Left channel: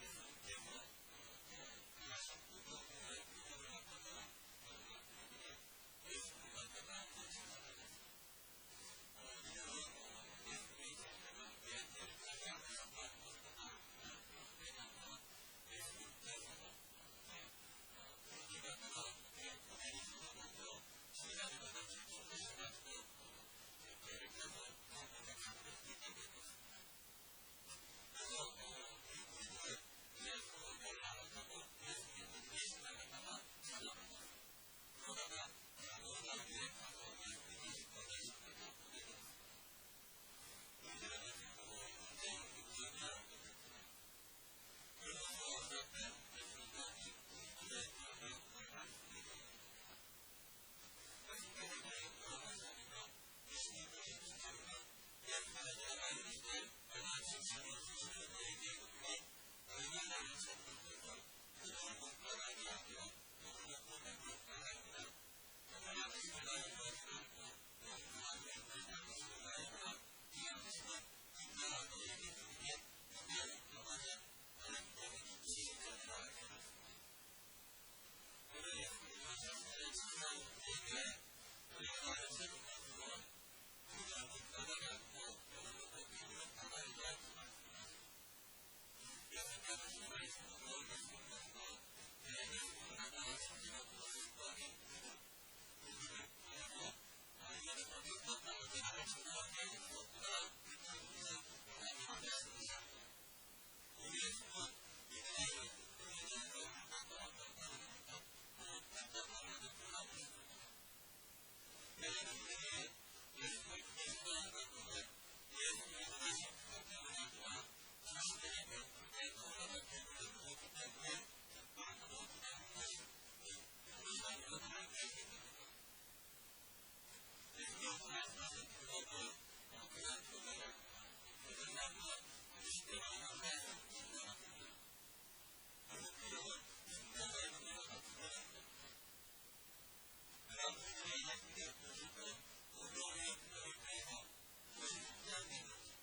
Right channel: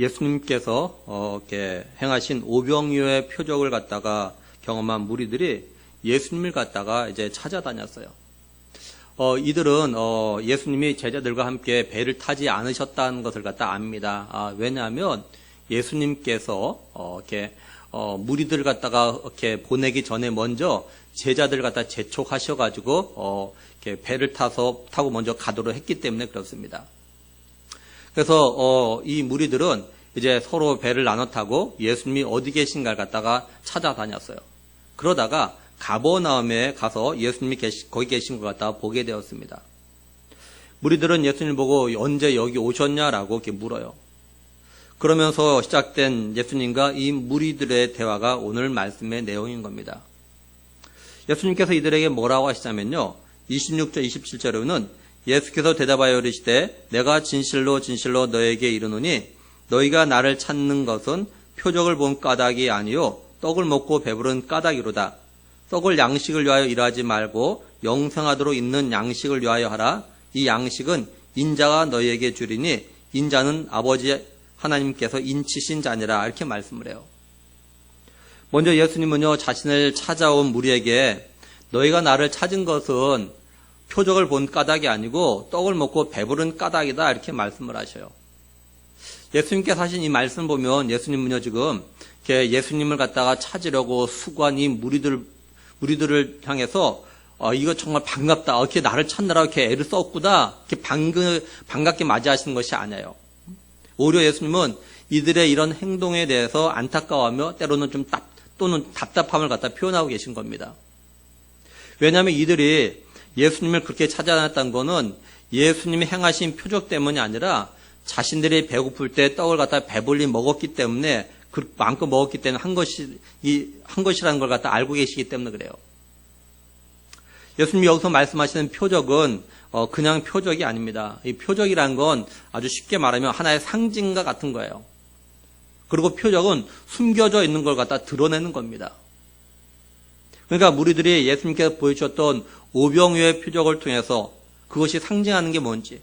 예수님께서 이렇게 행하신 오병이어의 표적을 갖다가 경험한 무리들이 예수님을 갖다가 이제 찾아다녔어요. 이들은 예수님이 제자들과 함께 배를 타지 않으셨다는 것을 갖다 압니다. 왜냐하면 예수님께서 이렇게 무리들을 갖다가 이렇게 보내기 전에 먼저 제자들 갖다 재촉하셔가지고 이렇게 배를 타고 먼저 가도록 했기 때문에 그렇습니다. 그래서 이 무리들은 이제 서로 배를 나눠 타고 예수님이 어디 계신가를 갖다가 찾아다녔어요. 그러다가 가버나움에 가서 예수님이 거기 계신 것 갖다가 보게 되었습니다. 무리들은 예수님을 보고 언제 여기 오셨냐라고 이렇게 물어요. 그러면서 시작된 예수님과 이 무리들의 대화가 오늘 말씀의 내용인 겁니다. 예수님께서 이들에게 뭐라고 하시냐면요. 26절, 27절에는 예수께서 대답하여 이르시되 내가 진실로 진실로 너에게 이르노니 너희가 나를 찾는 것은 표적을 본 까닭이 아니요 떡을 먹고 배부른 까닭이로다. 떡을 양식을 위하여 일하지 말고 영생하도록 있는 양식을 위하여 하라. 이 양식은 인자가 너희에게 주리니 인자는 아버지 하나님께서 인치신 자니라. 이렇게 말씀을 해요. 먼저 예수님은요 자신을 찾아온 무리에게 너희가 나를 찾은 것은 표적을 본 까닭이 아니고 떡을 먹고 배부른 까닭이다. 이렇게 말씀을 하셔요. 예수님께서 하신 이 말씀 보면 예수님은요 지금 예수님을 갖다가 찾으려고 수고한 이 무리들을 향해서 이거 정말 반갑다. 이렇게 나를 찾느라 이렇게 애를 썼구나. 이렇게 반갑게 맞이하시는 것이 아니에요. 오히려 예수님은 이들의 이런 행동에 대해서 안타까워하며 때로는 또는 답답함을 갖다 표현하고 계신 겁니다. 왜냐하면 이들이 예수님을 그렇게 찾아다녔다는 것은 예수님이 행하신 표적 때문이 아니라 자신들이 배고플 때 떡을 갖다 배불리 먹었기 때문에 그 마음껏 먹었기 때문에 한 것이라는 걸 갖다 알고 계시기 때문에 그래요. 예수님이 여기서 말씀하시는 표적은 그냥 표적이 아닙니다. 이 표적이라는 건 아주 쉽게 말하면 하나의 상징과 같은 거예요. 그리고 표적은 숨겨져 있는 걸 갖다 드러내는 겁니다. 그러니까 무리들이 예수님께서 보여주셨던 오병이어의 표적을 통해서 그것이 상징하는 게 뭔지,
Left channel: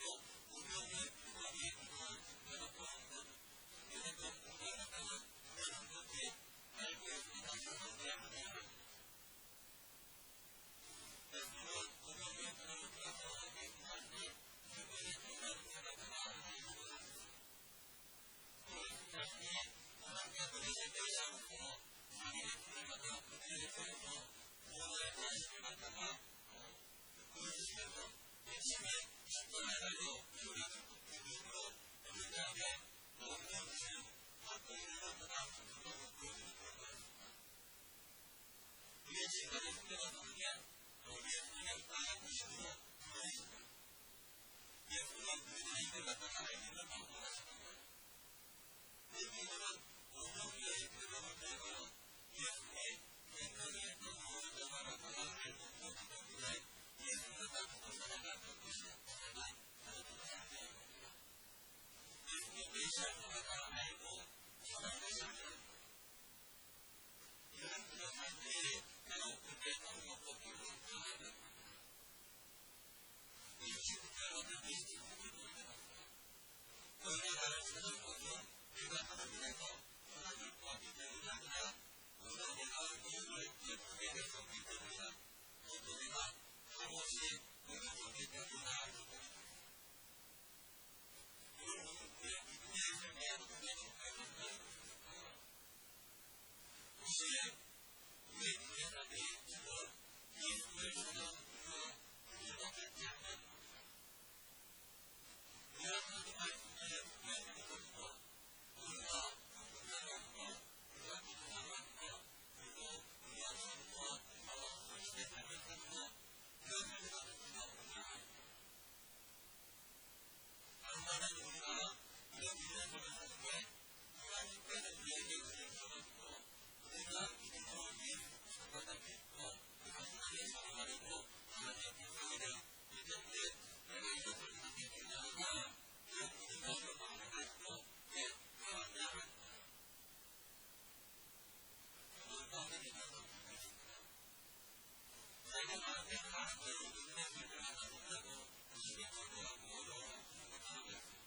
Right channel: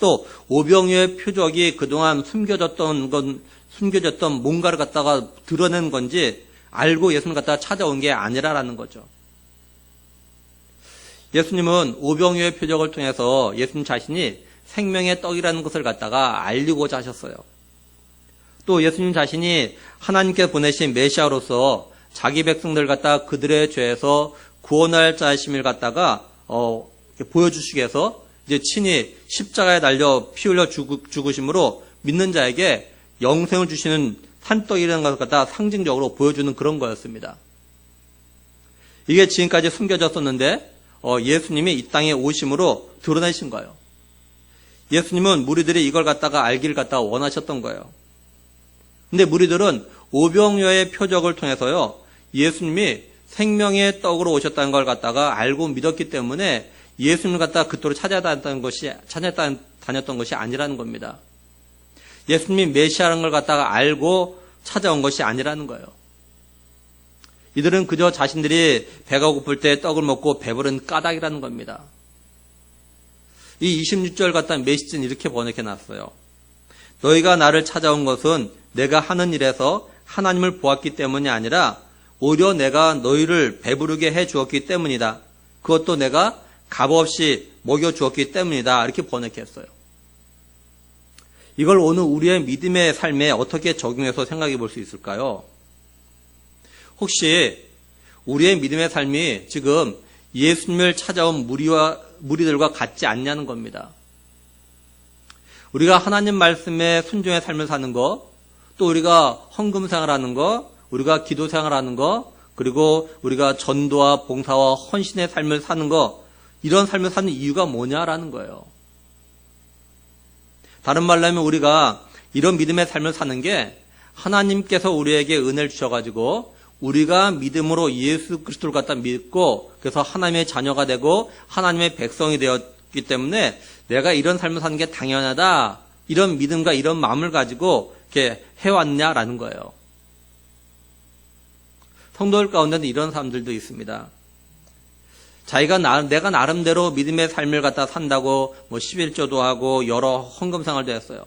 또 오병이어의 표적이 그동안 숨겨졌던 뭔가를 갖다가 드러낸 건지 알고 예수님을 갖다가 찾아온 게 아니라라는 거죠. 예수님은 오병이어의 표적을 통해서 예수님 자신이 생명의 떡이라는 것을 갖다가 알리고자 하셨어요. 또 예수님 자신이 하나님께 보내신 메시아로서 자기 백성들 갖다가 그들의 죄에서 구원할 자심을 갖다가 보여주시기 위해서 이제 친히 십자가에 달려 피 흘려 죽으심으로 믿는 자에게 영생을 주시는 산떡이라는 것을 갖다가 상징적으로 보여주는 그런 거였습니다. 이게 지금까지 숨겨졌었는데 예수님이 이 땅에 오심으로 드러내신 거예요. 예수님은 무리들이 이걸 갖다가 알기를 갖다가 원하셨던 거예요. 근데 무리들은 오병이어의 표적을 통해서요 예수님이 생명의 떡으로 오셨다는 걸 갖다가 알고 믿었기 때문에 예수님을 갖다가 그토록 찾아다녔던 것이 아니라는 겁니다. 예수님이 메시아라는 걸 갖다가 알고 찾아온 것이 아니라는 거예요. 이들은 그저 자신들이 배가 고플 때 떡을 먹고 배부른 까닭이라는 겁니다. 이 26절 갖다 메시지는 이렇게 번역해 놨어요. 너희가 나를 찾아온 것은 내가 하는 일에서 하나님을 보았기 때문이 아니라 오히려 내가 너희를 배부르게 해 주었기 때문이다. 그것도 내가 값없이 먹여 주었기 때문이다. 이렇게 번역했어요. 이걸 오늘 우리의 믿음의 삶에 어떻게 적용해서 생각해 볼 수 있을까요? 혹시 우리의 믿음의 삶이 지금 예수님을 찾아온 무리들과 같지 않냐는 겁니다. 우리가 하나님 말씀에 순종의 삶을 사는 거, 또 우리가 헌금 생활하는 거, 우리가 기도 생활하는 거, 그리고 우리가 전도와 봉사와 헌신의 삶을 사는 거, 이런 삶을 사는 이유가 뭐냐라는 거예요. 다른 말로 하면 우리가 이런 믿음의 삶을 사는 게 하나님께서 우리에게 은혜를 주셔가지고 우리가 믿음으로 예수 그리스도를 갖다 믿고 그래서 하나님의 자녀가 되고 하나님의 백성이 되었기 때문에 내가 이런 삶을 사는 게 당연하다. 이런 믿음과 이런 마음을 가지고 이렇게 해왔냐라는 거예요. 성도들 가운데는 이런 사람들도 있습니다. 내가 나름대로 믿음의 삶을 갖다 산다고 11조도 하고 여러 헌금 생활도 했어요.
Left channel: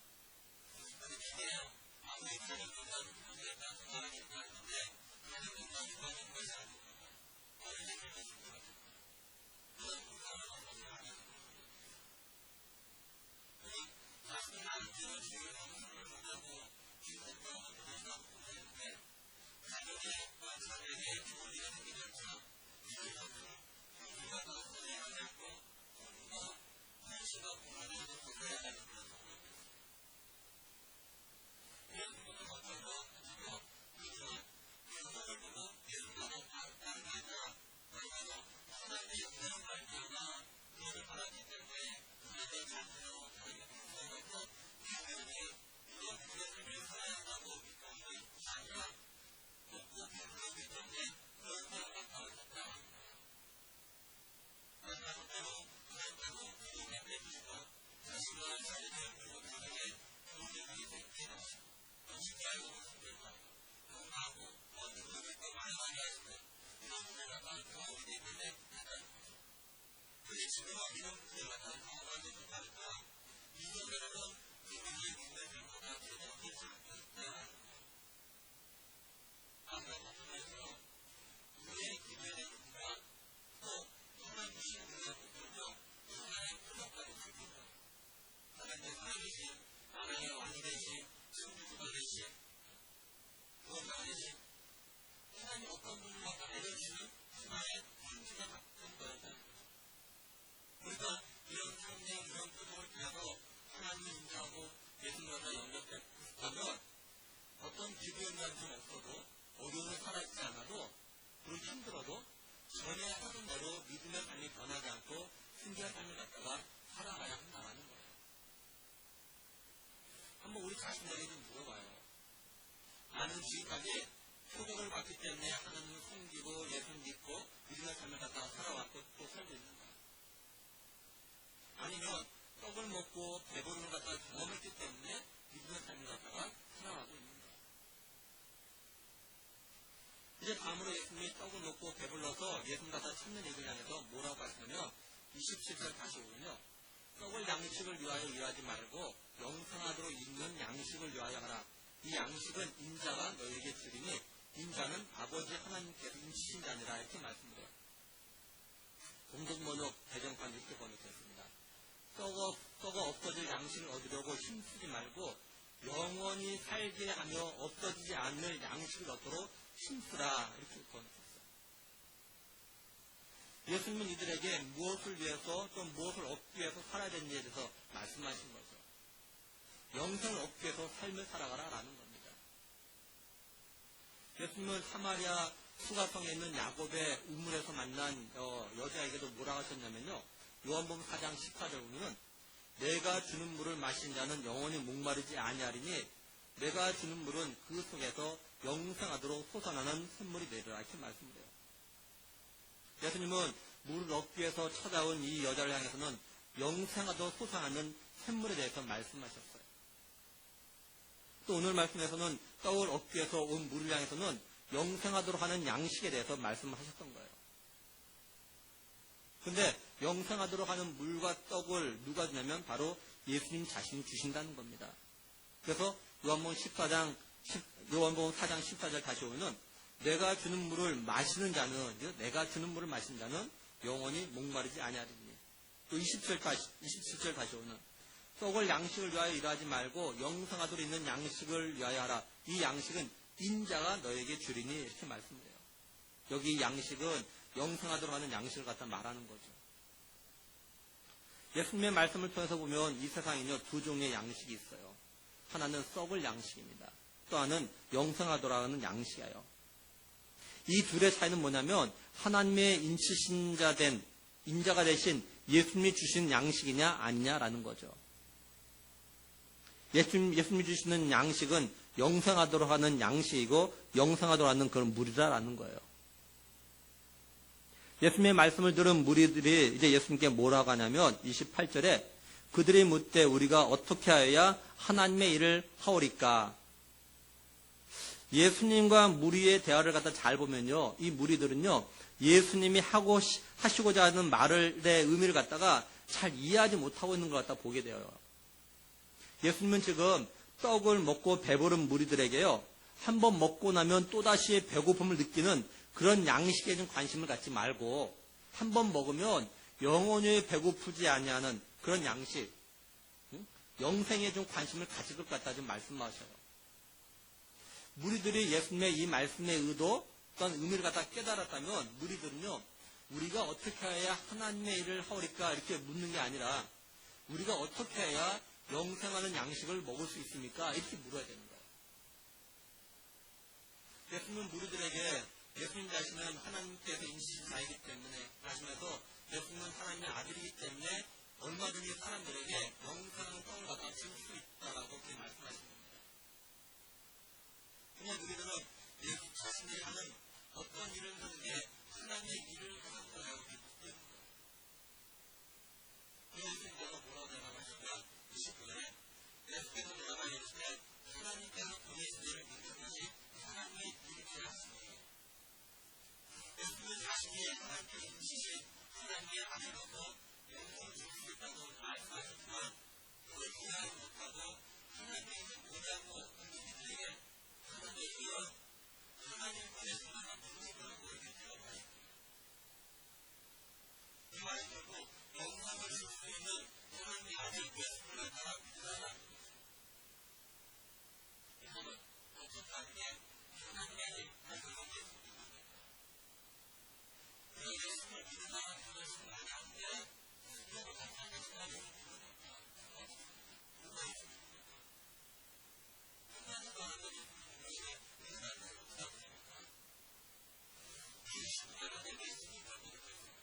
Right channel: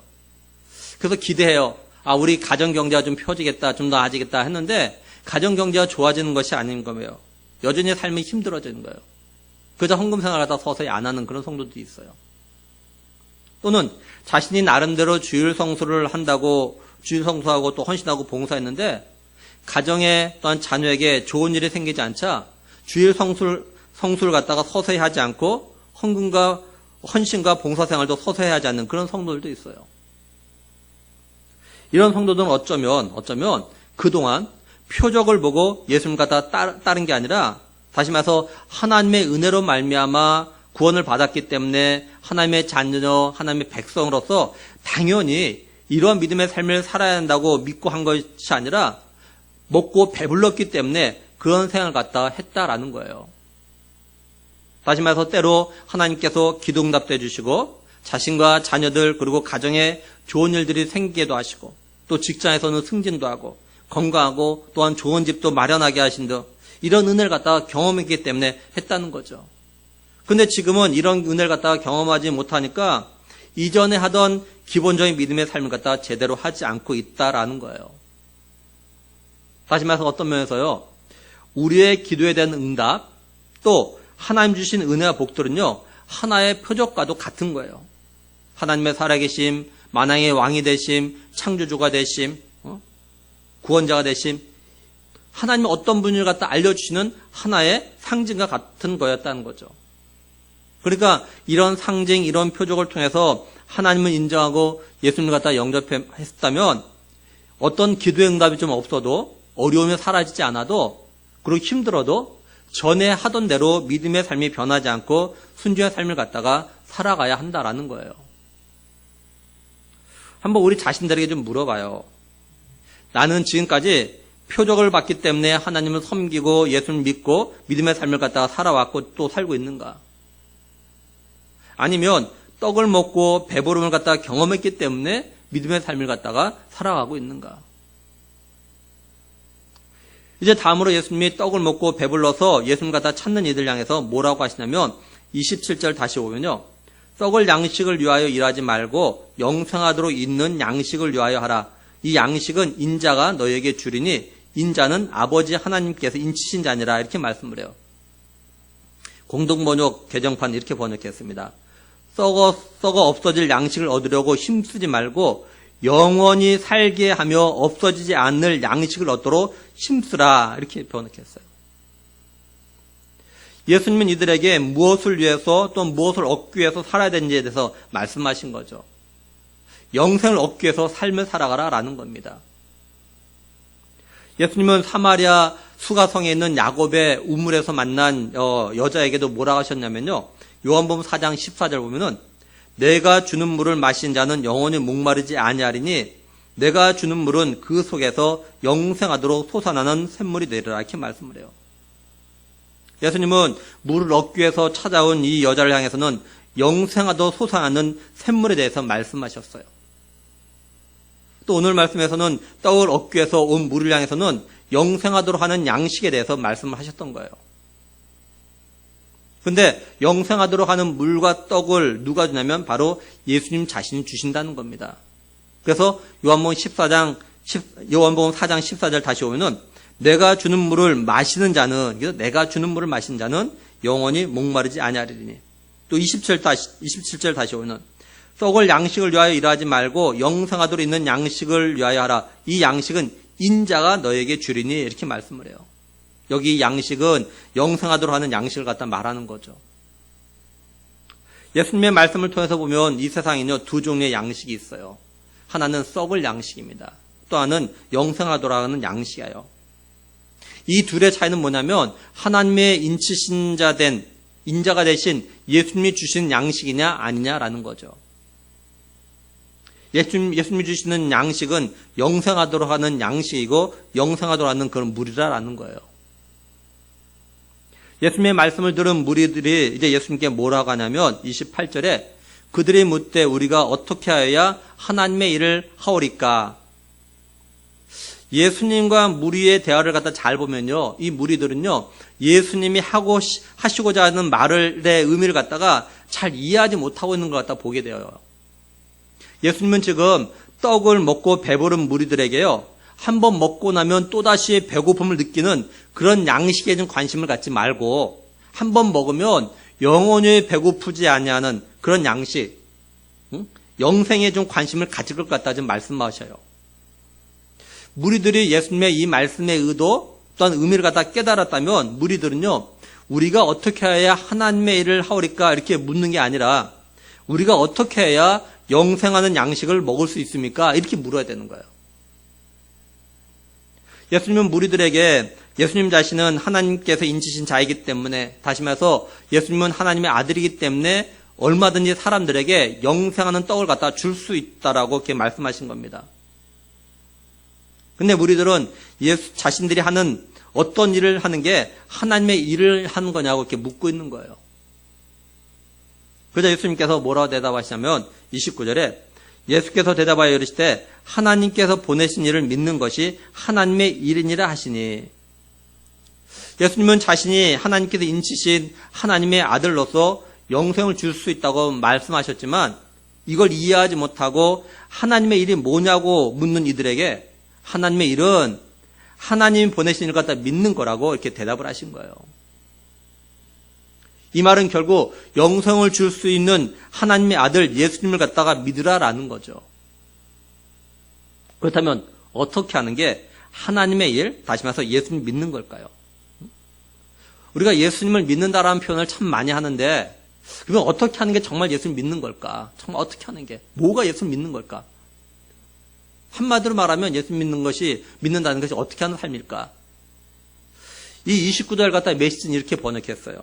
그래서 기대해요. 우리 가정경제가 좀 펴지겠다, 좀 더 나아지겠다 했는데 가정경제가 좋아지는 것이 아닌 거예요. 여전히 삶이 힘들어지는 거예요. 그저 헌금생활을 하다 서서히 안 하는 그런 성도들이 있어요. 또는 자신이 나름대로 주일 성수를 한다고 주일 성수하고 또 헌신하고 봉사했는데 가정에 또한 자녀에게 좋은 일이 생기지 않자 주일 성수를 갖다가 서서히 하지 않고 헌금과 헌신과 봉사생활도 서서히 하지 않는 그런 성도들도 있어요. 이런 성도들은 어쩌면 그동안 표적을 보고 예수님 갖다 따른 게 아니라 다시 말해서 하나님의 은혜로 말미암아 구원을 받았기 때문에 하나님의 자녀, 하나님의 백성으로서 당연히 이러한 믿음의 삶을 살아야 한다고 믿고 한 것이 아니라 먹고 배불렀기 때문에 그런 생활을 갖다가 했다라는 거예요. 다시 말해서 때로 하나님께서 기도응답도 해주시고 자신과 자녀들 그리고 가정에 좋은 일들이 생기게도 하시고 또 직장에서는 승진도 하고 건강하고 또한 좋은 집도 마련하게 하신 등 이런 은혜를 갖다가 경험했기 때문에 했다는 거죠. 근데 지금은 이런 은혜를 갖다가 경험하지 못하니까 이전에 하던 기본적인 믿음의 삶을 갖다가 제대로 하지 않고 있다라는 거예요. 다시 말해서 어떤 면에서요, 우리의 기도에 대한 응답 또 하나님 주신 은혜와 복들은요 하나의 표적과도 같은 거예요. 하나님의 살아계심, 만왕의 왕이 되심, 창조주가 되심, 구원자가 되심, 하나님의 어떤 분을 갖다 알려주시는 하나의 상징과 같은 거였다는 거죠. 그러니까 이런 상징, 이런 표적을 통해서 하나님을 인정하고 예수님을 갖다 영접했다면 어떤 기도의 응답이 좀 없어도 어려움이 사라지지 않아도 그리고 힘들어도 전에 하던 대로 믿음의 삶이 변하지 않고 순종의 삶을 갖다가 살아가야 한다라는 거예요. 한번 우리 자신들에게 좀 물어봐요. 나는 지금까지 표적을 받기 때문에 하나님을 섬기고 예수를 믿고 믿음의 삶을 갖다가 살아왔고 또 살고 있는가? 아니면 떡을 먹고 배부름을 갖다가 경험했기 때문에 믿음의 삶을 갖다가 살아가고 있는가? 이제 다음으로 예수님이 떡을 먹고 배불러서 예수님 갖다 찾는 이들 향해서 뭐라고 하시냐면 27절 다시 오면요. 썩을 양식을 위하여 일하지 말고 영생하도록 있는 양식을 위하여 하라. 이 양식은 인자가 너에게 주리니 인자는 아버지 하나님께서 인치신 자니라 이렇게 말씀을 해요. 공동번역 개정판 이렇게 번역했습니다. 썩어 없어질 양식을 얻으려고 힘쓰지 말고 영원히 살게 하며 없어지지 않을 양식을 얻도록 힘쓰라 이렇게 번역했어요. 예수님은 이들에게 무엇을 위해서 또 무엇을 얻기 위해서 살아야 되는지에 대해서 말씀하신 거죠. 영생을 얻기 위해서 삶을 살아가라라는 겁니다. 예수님은 사마리아 수가성에 있는 야곱의 우물에서 만난 여자에게도 뭐라고 하셨냐면요. 요한복음 4장 14절 보면은 내가 주는 물을 마신 자는 영원히 목마르지 아니하리니 내가 주는 물은 그 속에서 영생하도록 솟아나는 샘물이 되리라 이렇게 말씀을 해요. 예수님은 물을 얻기 위해서 찾아온 이 여자를 향해서는 영생하도록 솟아나는 샘물에 대해서 말씀하셨어요. 또 오늘 말씀에서는 떡을 얻기 위해서 온 물을 향해서는 영생하도록 하는 양식에 대해서 말씀을 하셨던 거예요. 근데 영생하도록 하는 물과 떡을 누가 주냐면 바로 예수님 자신이 주신다는 겁니다. 그래서 요한복음 4장 14절 다시 오면은 내가 주는 물을 마시는 자는 내가 주는 물을 마시는 자는 영원히 목마르지 아니하리니 또 27절 다시 오면은 썩을 양식을 위하여 일하지 말고 영생하도록 있는 양식을 위하여 하라. 이 양식은 인자가 너에게 주리니 이렇게 말씀을 해요. 여기 양식은 영생하도록 하는 양식을 갖다 말하는 거죠. 예수님의 말씀을 통해서 보면 이 세상에는요 두 종류의 양식이 있어요. 하나는 썩을 양식입니다. 또 하나는 영생하도록 하는 양식이에요. 이 둘의 차이는 뭐냐면 하나님의 인자가 되신 예수님이 주신 양식이냐 아니냐라는 거죠. 예수님이 주시는 양식은 영생하도록 하는 양식이고 영생하도록 하는 그런 물이라는 거예요. 예수님의 말씀을 들은 무리들이 이제 예수님께 뭐라고 하냐면 28절에 그들이 묻되 우리가 어떻게 하여야 하나님의 일을 하오리까? 예수님과 무리의 대화를 갖다 잘 보면요. 이 무리들은요. 예수님이 하시고자 하는 말의 의미를 갖다가 잘 이해하지 못하고 있는 것 같다 보게 돼요. 예수님은 지금 떡을 먹고 배부른 무리들에게요, 한번 먹고 나면 또다시 배고픔을 느끼는 그런 양식에 좀 관심을 갖지 말고 한번 먹으면 영원히 배고프지 아니하는 그런 양식, 영생에 좀 관심을 가질 것 같다 좀 말씀하셔요. 무리들이 예수님의 이 말씀의 의도 또한 의미를 갖다 깨달았다면 무리들은요, 우리가 어떻게 해야 하나님의 일을 하오리까 이렇게 묻는 게 아니라 우리가 어떻게 해야 영생하는 양식을 먹을 수 있습니까? 이렇게 물어야 되는 거예요. 예수님은 무리들에게 예수님 자신은 하나님께서 인치신 자이기 때문에, 다시 말해서 예수님은 하나님의 아들이기 때문에 얼마든지 사람들에게 영생하는 떡을 갖다 줄 수 있다라고 이렇게 말씀하신 겁니다. 근데 무리들은 예수 자신들이 하는 어떤 일을 하는 게 하나님의 일을 하는 거냐고 이렇게 묻고 있는 거예요. 그래서 예수님께서 뭐라고 대답하시냐면 29절에 예수께서 대답하여 이르시되 하나님께서 보내신 일을 믿는 것이 하나님의 일이니라 하시니, 예수님은 자신이 하나님께서 인치신 하나님의 아들로서 영생을 줄 수 있다고 말씀하셨지만 이걸 이해하지 못하고 하나님의 일이 뭐냐고 묻는 이들에게 하나님의 일은 하나님이 보내신 일을 갖다 믿는 거라고 이렇게 대답을 하신 거예요. 이 말은 결국 영생을 줄 수 있는 하나님의 아들 예수님을 갖다가 믿으라라는 거죠. 그렇다면 어떻게 하는 게 하나님의 일, 다시 말해서 예수님 믿는 걸까요? 우리가 예수님을 믿는다라는 표현을 참 많이 하는데 그러면 어떻게 하는 게 정말 예수님 믿는 걸까? 정말 어떻게 하는 게, 뭐가 예수님 믿는 걸까? 한마디로 말하면 예수님 믿는다는 것이 어떻게 하는 삶일까? 이 29절 갖다 메시지는 이렇게 번역했어요.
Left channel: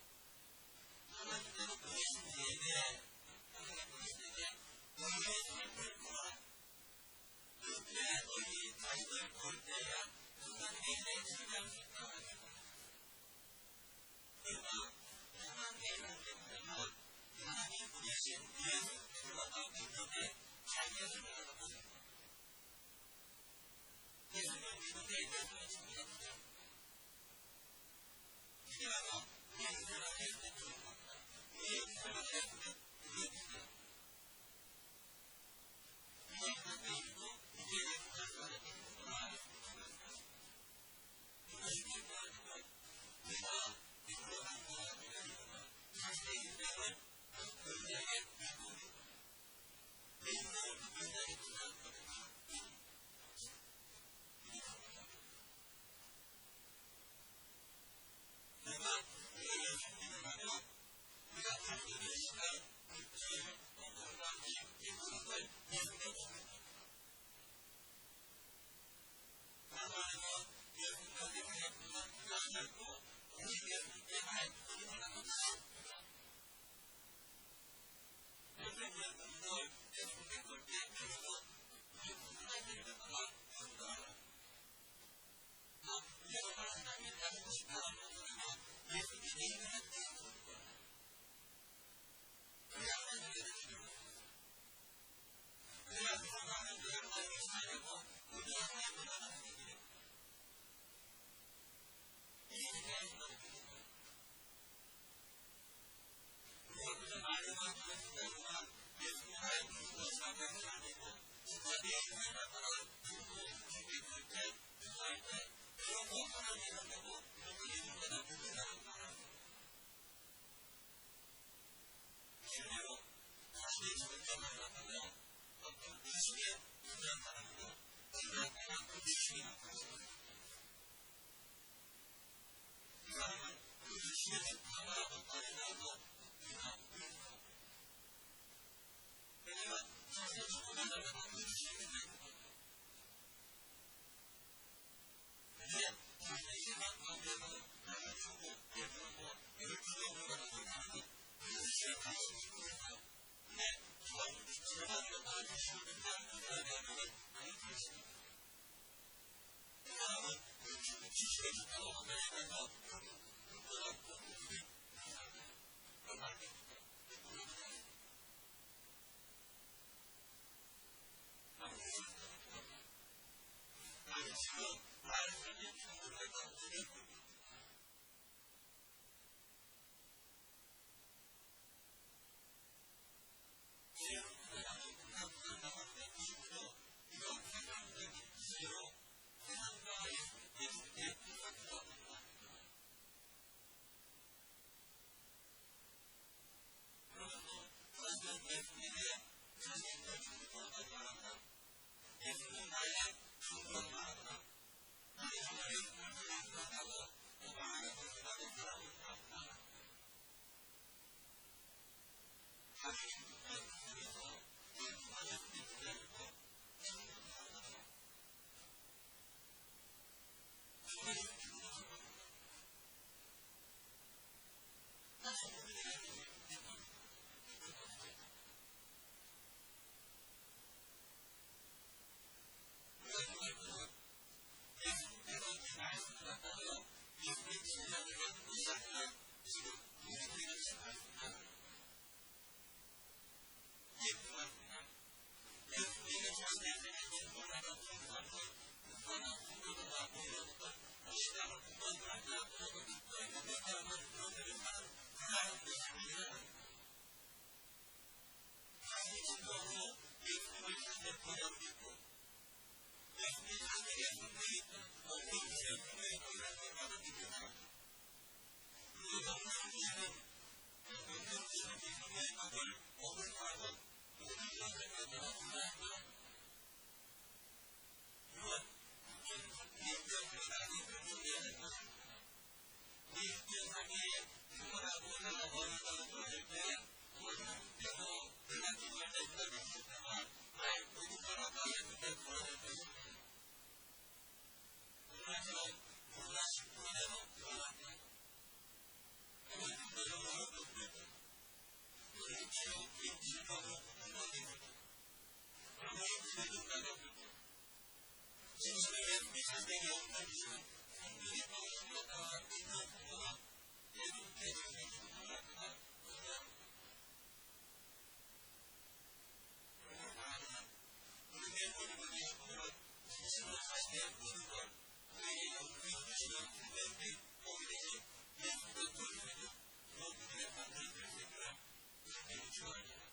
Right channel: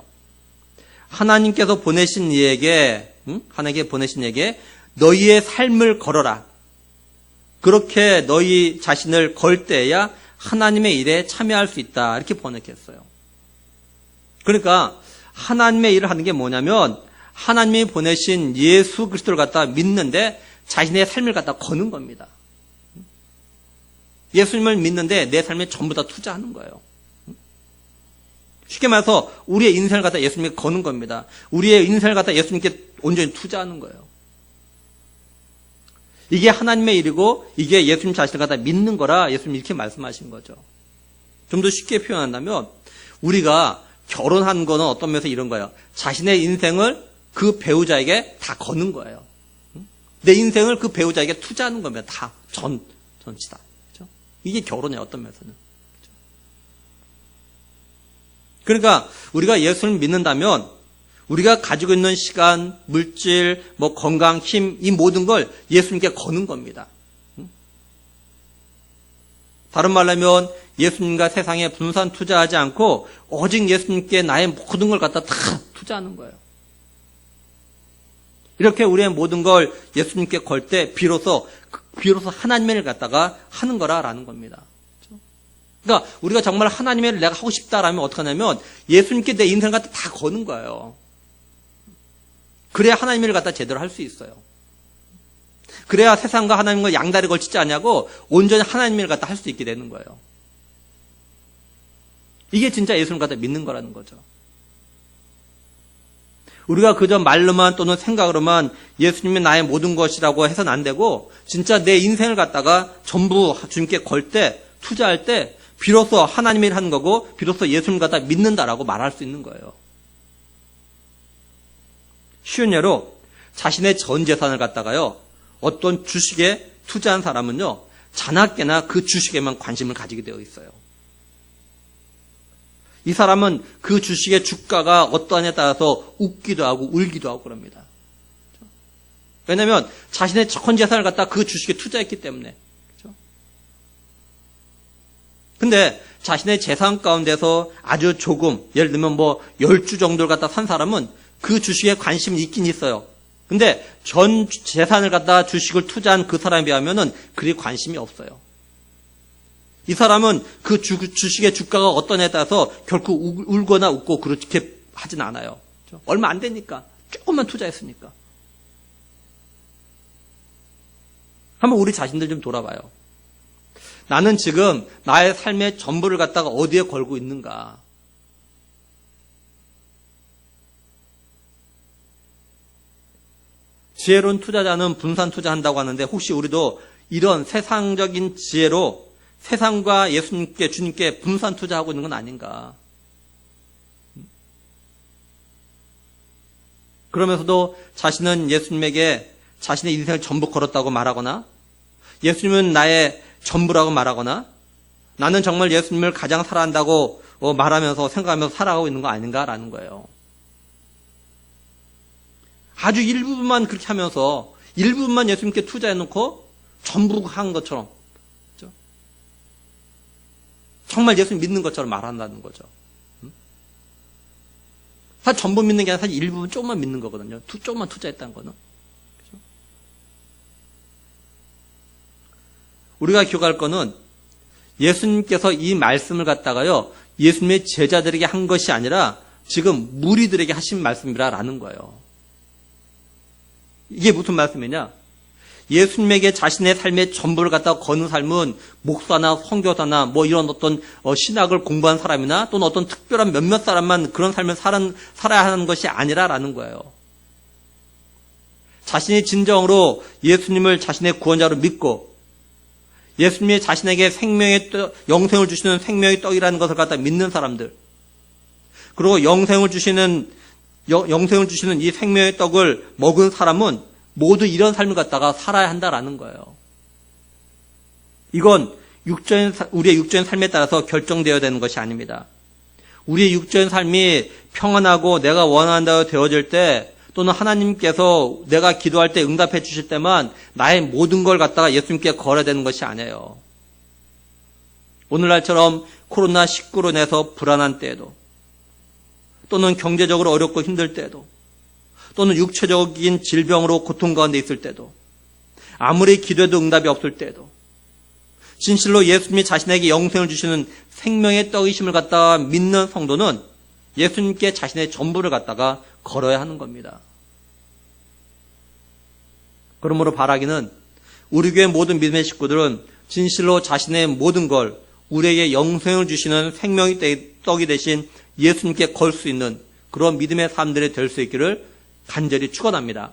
하나님께서 보내신 이에게, 하나님께 보내신 이에게 너희의 삶을 걸어라. 그렇게 너희 자신을 걸 때야 하나님의 일에 참여할 수 있다. 이렇게 번역했어요. 그러니까 하나님의 일을 하는 게 뭐냐면 하나님이 보내신 예수 그리스도를 갖다 믿는데 자신의 삶을 갖다 거는 겁니다. 예수님을 믿는데 내 삶에 전부 다 투자하는 거예요. 쉽게 말해서 우리의 인생을 갖다 예수님께 거는 겁니다. 우리의 인생을 갖다 예수님께 온전히 투자하는 거예요. 이게 하나님의 일이고 이게 예수님 자신을 갖다 믿는 거라 예수님이 이렇게 말씀하신 거죠. 좀 더 쉽게 표현한다면 우리가 결혼한 거는 어떤 면에서 이런 거예요. 자신의 인생을 그 배우자에게 다 거는 거예요. 내 인생을 그 배우자에게 투자하는 겁니다. 다 전치다. 그렇죠? 이게 결혼이에요. 어떤 면에서는. 그러니까 우리가 예수를 믿는다면 우리가 가지고 있는 시간, 물질, 건강, 힘, 이 모든 걸 예수님께 거는 겁니다. 다른 말로 하면 예수님과 세상에 분산 투자하지 않고 오직 예수님께 나의 모든 걸 갖다 다 투자하는 거예요. 이렇게 우리의 모든 걸 예수님께 걸 때 비로소 하나님의 일을 갖다가 하는 거라라는 겁니다. 그러니까 우리가 정말 하나님의 일을 내가 하고 싶다라면 어떻게 하냐면 예수님께 내 인생을 갖다 다 거는 거예요. 그래야 하나님의 일을 갖다 제대로 할 수 있어요. 그래야 세상과 하나님과 양다리 걸치지 않냐고 온전히 하나님의 일을 갖다 할 수 있게 되는 거예요. 이게 진짜 예수님을 갖다 믿는 거라는 거죠. 우리가 그저 말로만 또는 생각으로만 예수님이 나의 모든 것이라고 해서는 안 되고 진짜 내 인생을 갖다가 전부 주님께 걸 때, 투자할 때 비로소 하나님의 일을 하는 거고 비로소 예수님을 갖다 믿는다라고 말할 수 있는 거예요. 쉬운 예로 자신의 전 재산을 갖다가요 어떤 주식에 투자한 사람은요 자나깨나 그 주식에만 관심을 가지게 되어 있어요. 이 사람은 그 주식의 주가가 어떠하냐에 따라서 웃기도 하고 울기도 하고 그럽니다. 왜냐하면 자신의 전 재산을 갖다 그 주식에 투자했기 때문에. 근데 자신의 재산 가운데서 아주 조금, 예를 들면 10주 정도를 갖다 산 사람은 그 주식에 관심이 있긴 있어요. 근데 전 재산을 갖다 주식을 투자한 그 사람에 비하면은 그리 관심이 없어요. 이 사람은 그 주식의 주가가 어떠냐에 따라서 결코 울거나 웃고 그렇게 하진 않아요. 얼마 안 되니까. 조금만 투자했으니까. 한번 우리 자신들 좀 돌아봐요. 나는 지금 나의 삶의 전부를 갖다가 어디에 걸고 있는가? 지혜로운 투자자는 분산 투자한다고 하는데 혹시 우리도 이런 세상적인 지혜로 세상과 예수님께, 주님께 분산 투자하고 있는 건 아닌가. 그러면서도 자신은 예수님에게 자신의 인생을 전부 걸었다고 말하거나, 예수님은 나의 전부라고 말하거나, 나는 정말 예수님을 가장 사랑한다고 말하면서 생각하면서 살아가고 있는 거 아닌가라는 거예요. 아주 일부분만 그렇게 하면서 일부분만 예수님께 투자해놓고 전부 한 것처럼, 그렇죠? 정말 예수님 믿는 것처럼 말한다는 거죠. 사실 전부 믿는 게 아니라 사실 일부분 조금만 믿는 거거든요. 조금만 투자했다는 거는. 그렇죠? 우리가 기억할 거는 예수님께서 이 말씀을 갖다가요, 예수님의 제자들에게 한 것이 아니라 지금 무리들에게 하신 말씀이라는 거예요. 이게 무슨 말씀이냐? 예수님에게 자신의 삶의 전부를 갖다가 거는 삶은 목사나 선교사나 뭐 이런 어떤 신학을 공부한 사람이나 또는 어떤 특별한 몇몇 사람만 그런 삶을 살아야 하는 것이 아니라라는 거예요. 자신이 진정으로 예수님을 자신의 구원자로 믿고 예수님이 자신에게 영생을 주시는 생명의 떡이라는 것을 갖다 믿는 사람들, 그리고 영생을 주시는 이 생명의 떡을 먹은 사람은 모두 이런 삶을 갖다가 살아야 한다라는 거예요. 이건 우리의 육적인 삶에 따라서 결정되어야 되는 것이 아닙니다. 우리의 육적인 삶이 평안하고 내가 원한다고 되어질 때, 또는 하나님께서 내가 기도할 때 응답해 주실 때만 나의 모든 걸 갖다가 예수님께 걸어야 되는 것이 아니에요. 오늘날처럼 코로나19로 인해서 불안한 때에도, 또는 경제적으로 어렵고 힘들 때에도, 또는 육체적인 질병으로 고통 가운데 있을 때도, 아무리 기도해도 응답이 없을 때도, 진실로 예수님이 자신에게 영생을 주시는 생명의 떡이심을 갖다가 믿는 성도는 예수님께 자신의 전부를 갖다가 걸어야 하는 겁니다. 그러므로 바라기는 우리 교회 모든 믿음의 식구들은 진실로 자신의 모든 걸 우리에게 영생을 주시는 생명의 떡이 되신 예수님께 걸 수 있는 그런 믿음의 사람들이 될 수 있기를 간절히 축원합니다.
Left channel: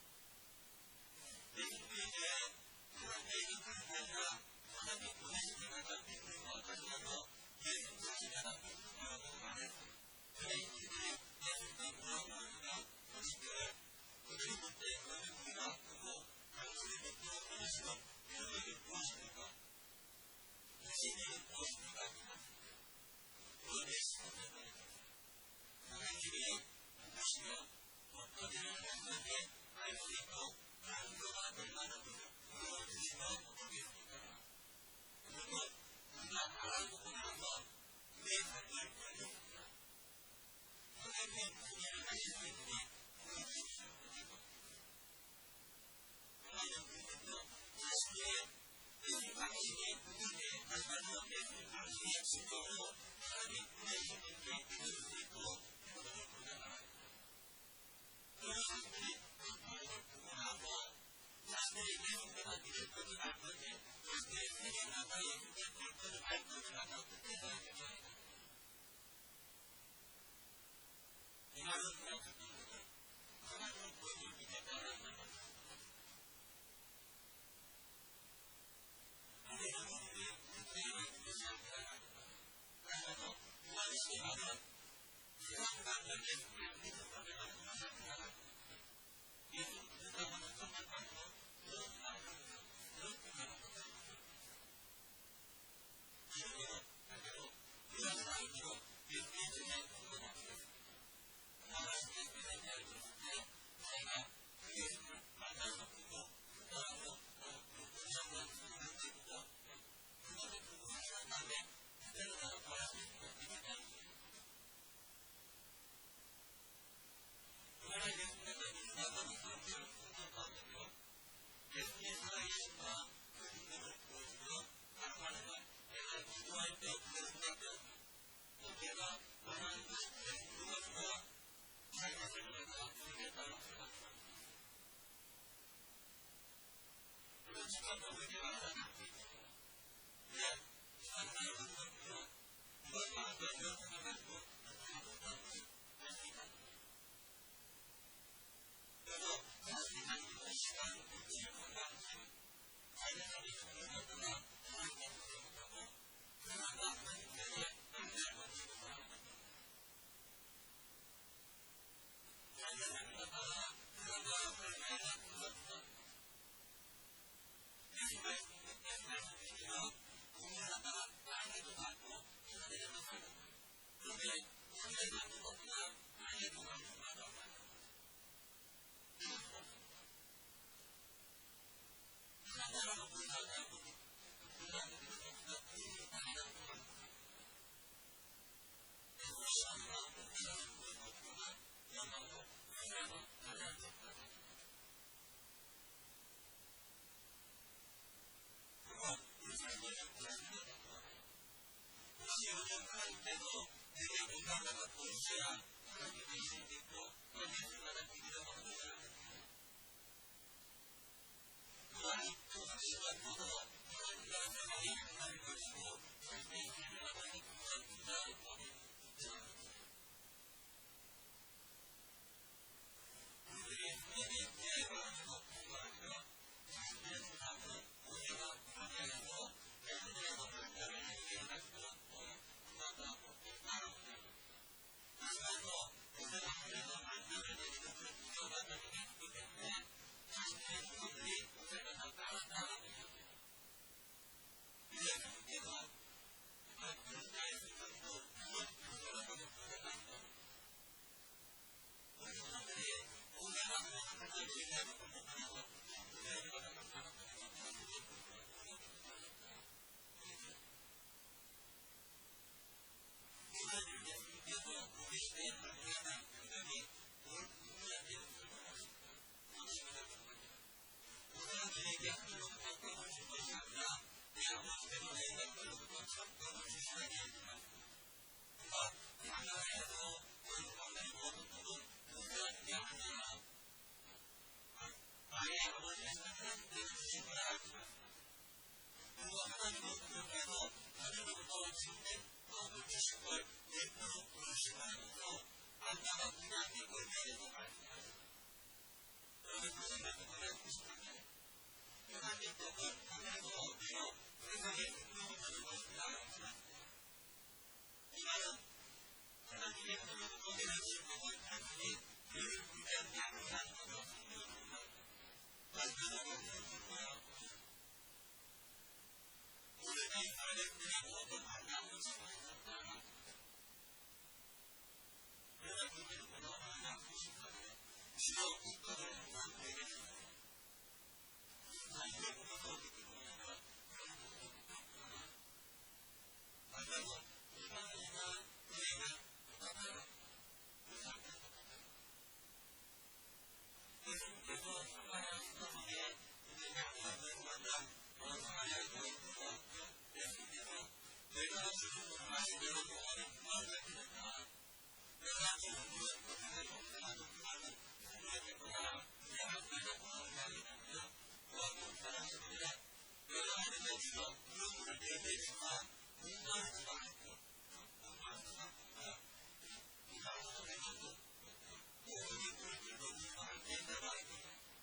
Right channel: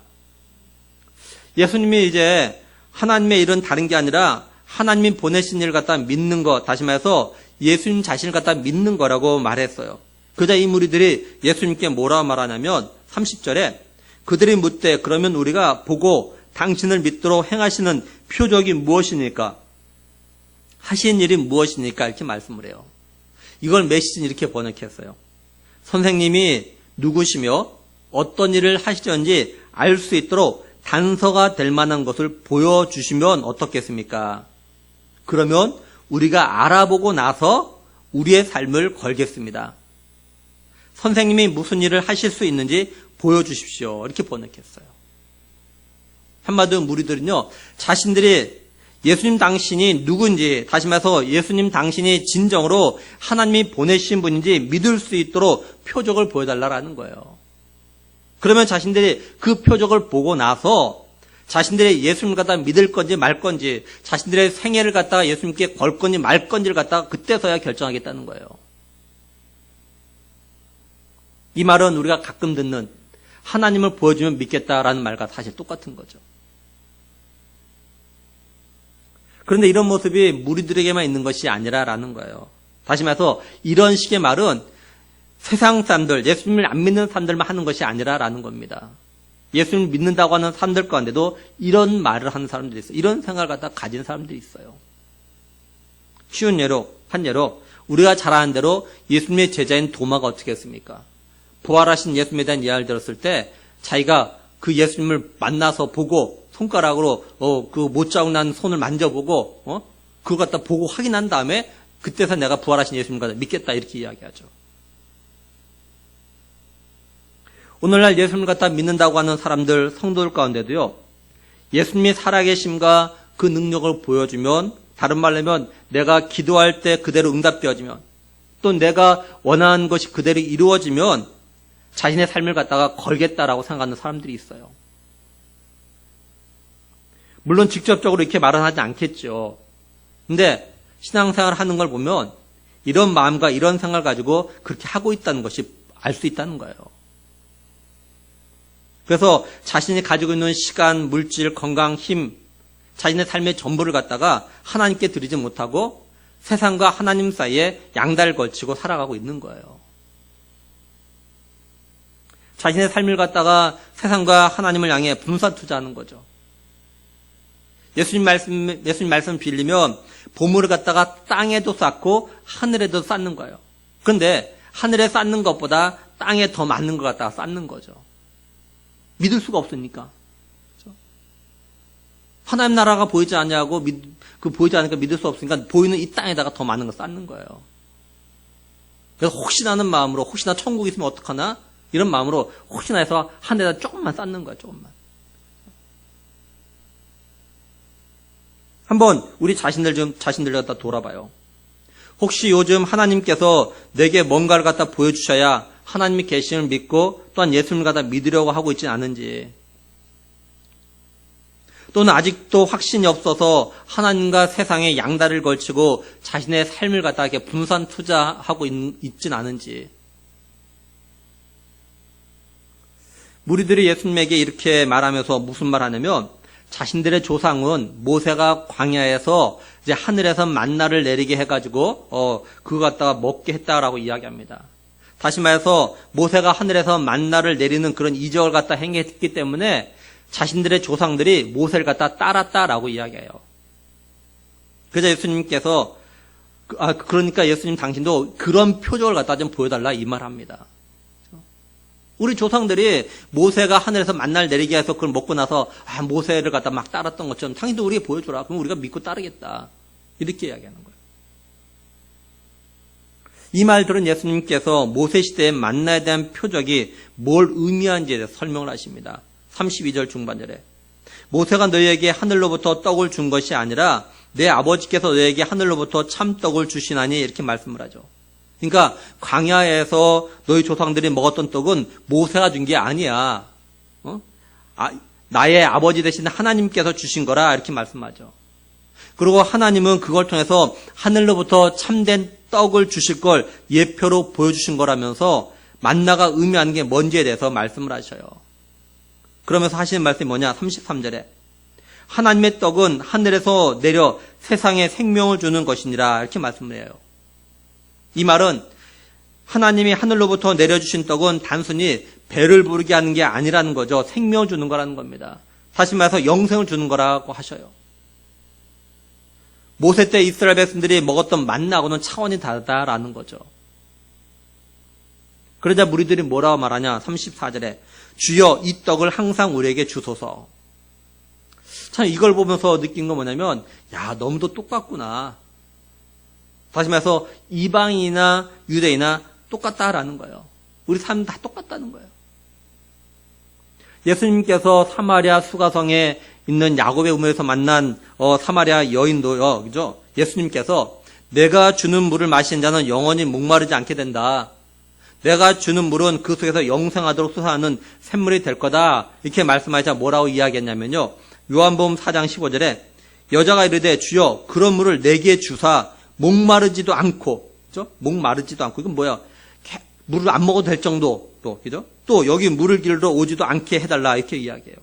예수님이 이제 하나님의 일은 다른 게 아니라 하나님이 보내신 일을 갖다 믿는 것, 다시 말해서 예수님 자신을 갖다 믿는 거라고 말했어요. 그자 이 무리들이 예수님께 뭐라고 말하냐면 30절에 그들이 묻되 그러면 우리가 보고 당신을 믿도록 행하시는 표적이 무엇이니까? 하신 일이 무엇이니까? 이렇게 말씀을 해요. 이걸 메시지는 이렇게 번역했어요. 선생님이 누구시며 어떤 일을 하시던지 알 수 있도록 단서가 될 만한 것을 보여주시면 어떻겠습니까? 그러면 우리가 알아보고 나서 우리의 삶을 걸겠습니다. 선생님이 무슨 일을 하실 수 있는지 보여주십시오. 이렇게 번역했어요. 한마디로 무리들은요, 자신들이 예수님 당신이 누군지, 다시 말해서 예수님 당신이 진정으로 하나님이 보내신 분인지 믿을 수 있도록 표적을 보여달라는 거예요. 그러면 자신들이 그 표적을 보고 나서 자신들의 예수님을 갖다가 믿을 건지 말 건지, 자신들의 생애를 갖다가 예수님께 걸 건지 말 건지를 갖다가 그때서야 결정하겠다는 거예요. 이 말은 우리가 가끔 듣는 하나님을 보여주면 믿겠다라는 말과 사실 똑같은 거죠. 그런데 이런 모습이 무리들에게만 있는 것이 아니라라는 거예요. 다시 말해서 이런 식의 말은 세상 사람들, 예수님을 안 믿는 사람들만 하는 것이 아니라라는 겁니다. 예수님을 믿는다고 하는 사람들 가운데도 이런 말을 하는 사람들이 있어요. 이런 생각을 갖다 가진 사람들이 있어요. 쉬운 예로, 한 예로 우리가 잘 아는 대로 예수님의 제자인 도마가 어떻게 했습니까? 부활하신 예수님에 대한 이야기를 들었을 때 자기가 그 예수님을 만나서 보고 손가락으로 그 못자국 난 손을 만져보고 그걸 갖다 보고 확인한 다음에 그때서 내가 부활하신 예수님을 갖다 믿겠다 이렇게 이야기하죠. 오늘날 예수님을 갖다 믿는다고 하는 사람들, 성도들 가운데도요, 예수님이 살아계심과 그 능력을 보여주면, 다른 말로 하면 내가 기도할 때 그대로 응답되어지면, 또 내가 원하는 것이 그대로 이루어지면 자신의 삶을 갖다가 걸겠다라고 생각하는 사람들이 있어요. 물론 직접적으로 이렇게 말은 하지 않겠죠. 근데 신앙생활을 하는 걸 보면 이런 마음과 이런 생각을 가지고 그렇게 하고 있다는 것이 알 수 있다는 거예요. 그래서 자신이 가지고 있는 시간, 물질, 건강, 힘, 자신의 삶의 전부를 갖다가 하나님께 드리지 못하고 세상과 하나님 사이에 양다리를 걸치고 살아가고 있는 거예요. 자신의 삶을 갖다가 세상과 하나님을 향해 분산 투자하는 거죠. 예수님 말씀 빌리면 보물을 갖다가 땅에도 쌓고 하늘에도 쌓는 거예요. 그런데 하늘에 쌓는 것보다 땅에 더 많은 것 갖다가 쌓는 거죠. 믿을 수가 없으니까. 그렇죠? 하나님 나라가 보이지 않냐고 보이지 않으니까 믿을 수 없으니까 보이는 이 땅에다가 더 많은 거 쌓는 거예요. 그래서 혹시나 하는 마음으로 혹시나 천국이 있으면 어떡하나 이런 마음으로 혹시나 해서 하늘에다 조금만 쌓는 거예요. 조금만. 한번 우리 자신들 갖다 돌아봐요. 혹시 요즘 하나님께서 내게 뭔가를 갖다 보여주셔야 하나님이 계심을 믿고 또한 예수님을 갖다 믿으려고 하고 있지 않은지, 또는 아직도 확신이 없어서 하나님과 세상에 양다리를 걸치고 자신의 삶을 갖다 이렇게 분산 투자하고 있진 않은지. 무리들이 예수님에게 이렇게 말하면서 무슨 말 하냐면, 자신들의 조상은 모세가 광야에서 이제 하늘에서 만나를 내리게 해가지고 그거 갖다가 먹게 했다라고 이야기합니다. 다시 말해서 모세가 하늘에서 만나를 내리는 그런 이적을 갖다 행했기 때문에 자신들의 조상들이 모세를 갖다 따랐다라고 이야기해요. 그래서 예수님께서 그러니까 예수님 당신도 그런 표적을 갖다 좀 보여달라 이 말합니다. 우리 조상들이 모세가 하늘에서 만나를 내리게 해서 그걸 먹고 나서 모세를 갖다 막 따랐던 것처럼 당신도 우리에게 보여줘라. 그럼 우리가 믿고 따르겠다. 이렇게 이야기하는 거예요. 이 말 들은 예수님께서 모세 시대의 만나에 대한 표적이 뭘 의미하는지에 대해서 설명을 하십니다. 32절 중반절에 모세가 너희에게 하늘로부터 떡을 준 것이 아니라 내 아버지께서 너희에게 하늘로부터 참떡을 주시나니 이렇게 말씀을 하죠. 그러니까 광야에서 너희 조상들이 먹었던 떡은 모세가 준 게 아니야. 나의 아버지 되신 하나님께서 주신 거라 이렇게 말씀하죠. 그리고 하나님은 그걸 통해서 하늘로부터 참된 떡을 주실 걸 예표로 보여주신 거라면서 만나가 의미하는 게 뭔지에 대해서 말씀을 하셔요. 그러면서 하시는 말씀이 뭐냐? 33절에 하나님의 떡은 하늘에서 내려 세상에 생명을 주는 것이니라 이렇게 말씀을 해요. 이 말은 하나님이 하늘로부터 내려주신 떡은 단순히 배를 부르게 하는 게 아니라는 거죠. 생명을 주는 거라는 겁니다. 다시 말해서 영생을 주는 거라고 하셔요. 모세 때 이스라엘 백성들이 먹었던 만나하고는 차원이 다르다라는 거죠. 그러자 무리들이 뭐라고 말하냐? 34절에 주여 이 떡을 항상 우리에게 주소서. 참 이걸 보면서 느낀 건 뭐냐면 너무도 똑같구나. 다시 말해서 이방인이나 유대인이나 똑같다라는 거예요. 우리 삶 다 똑같다는 거예요. 예수님께서 사마리아 수가성에 있는 야곱의 우물에서 만난 사마리아 여인도요, 그죠? 예수님께서 내가 주는 물을 마시는 자는 영원히 목마르지 않게 된다. 내가 주는 물은 그 속에서 영생하도록 솟아나는 샘물이 될 거다. 이렇게 말씀하시자 뭐라고 이야기했냐면요. 요한복음 4장 15절에 여자가 이르되 주여 그런 물을 내게 주사 목마르지도 않고, 그죠? 목마르지도 않고, 이건 뭐야? 물을 안 먹어도 될 정도, 그죠? 또 여기 물을 길러 오지도 않게 해달라, 이렇게 이야기해요.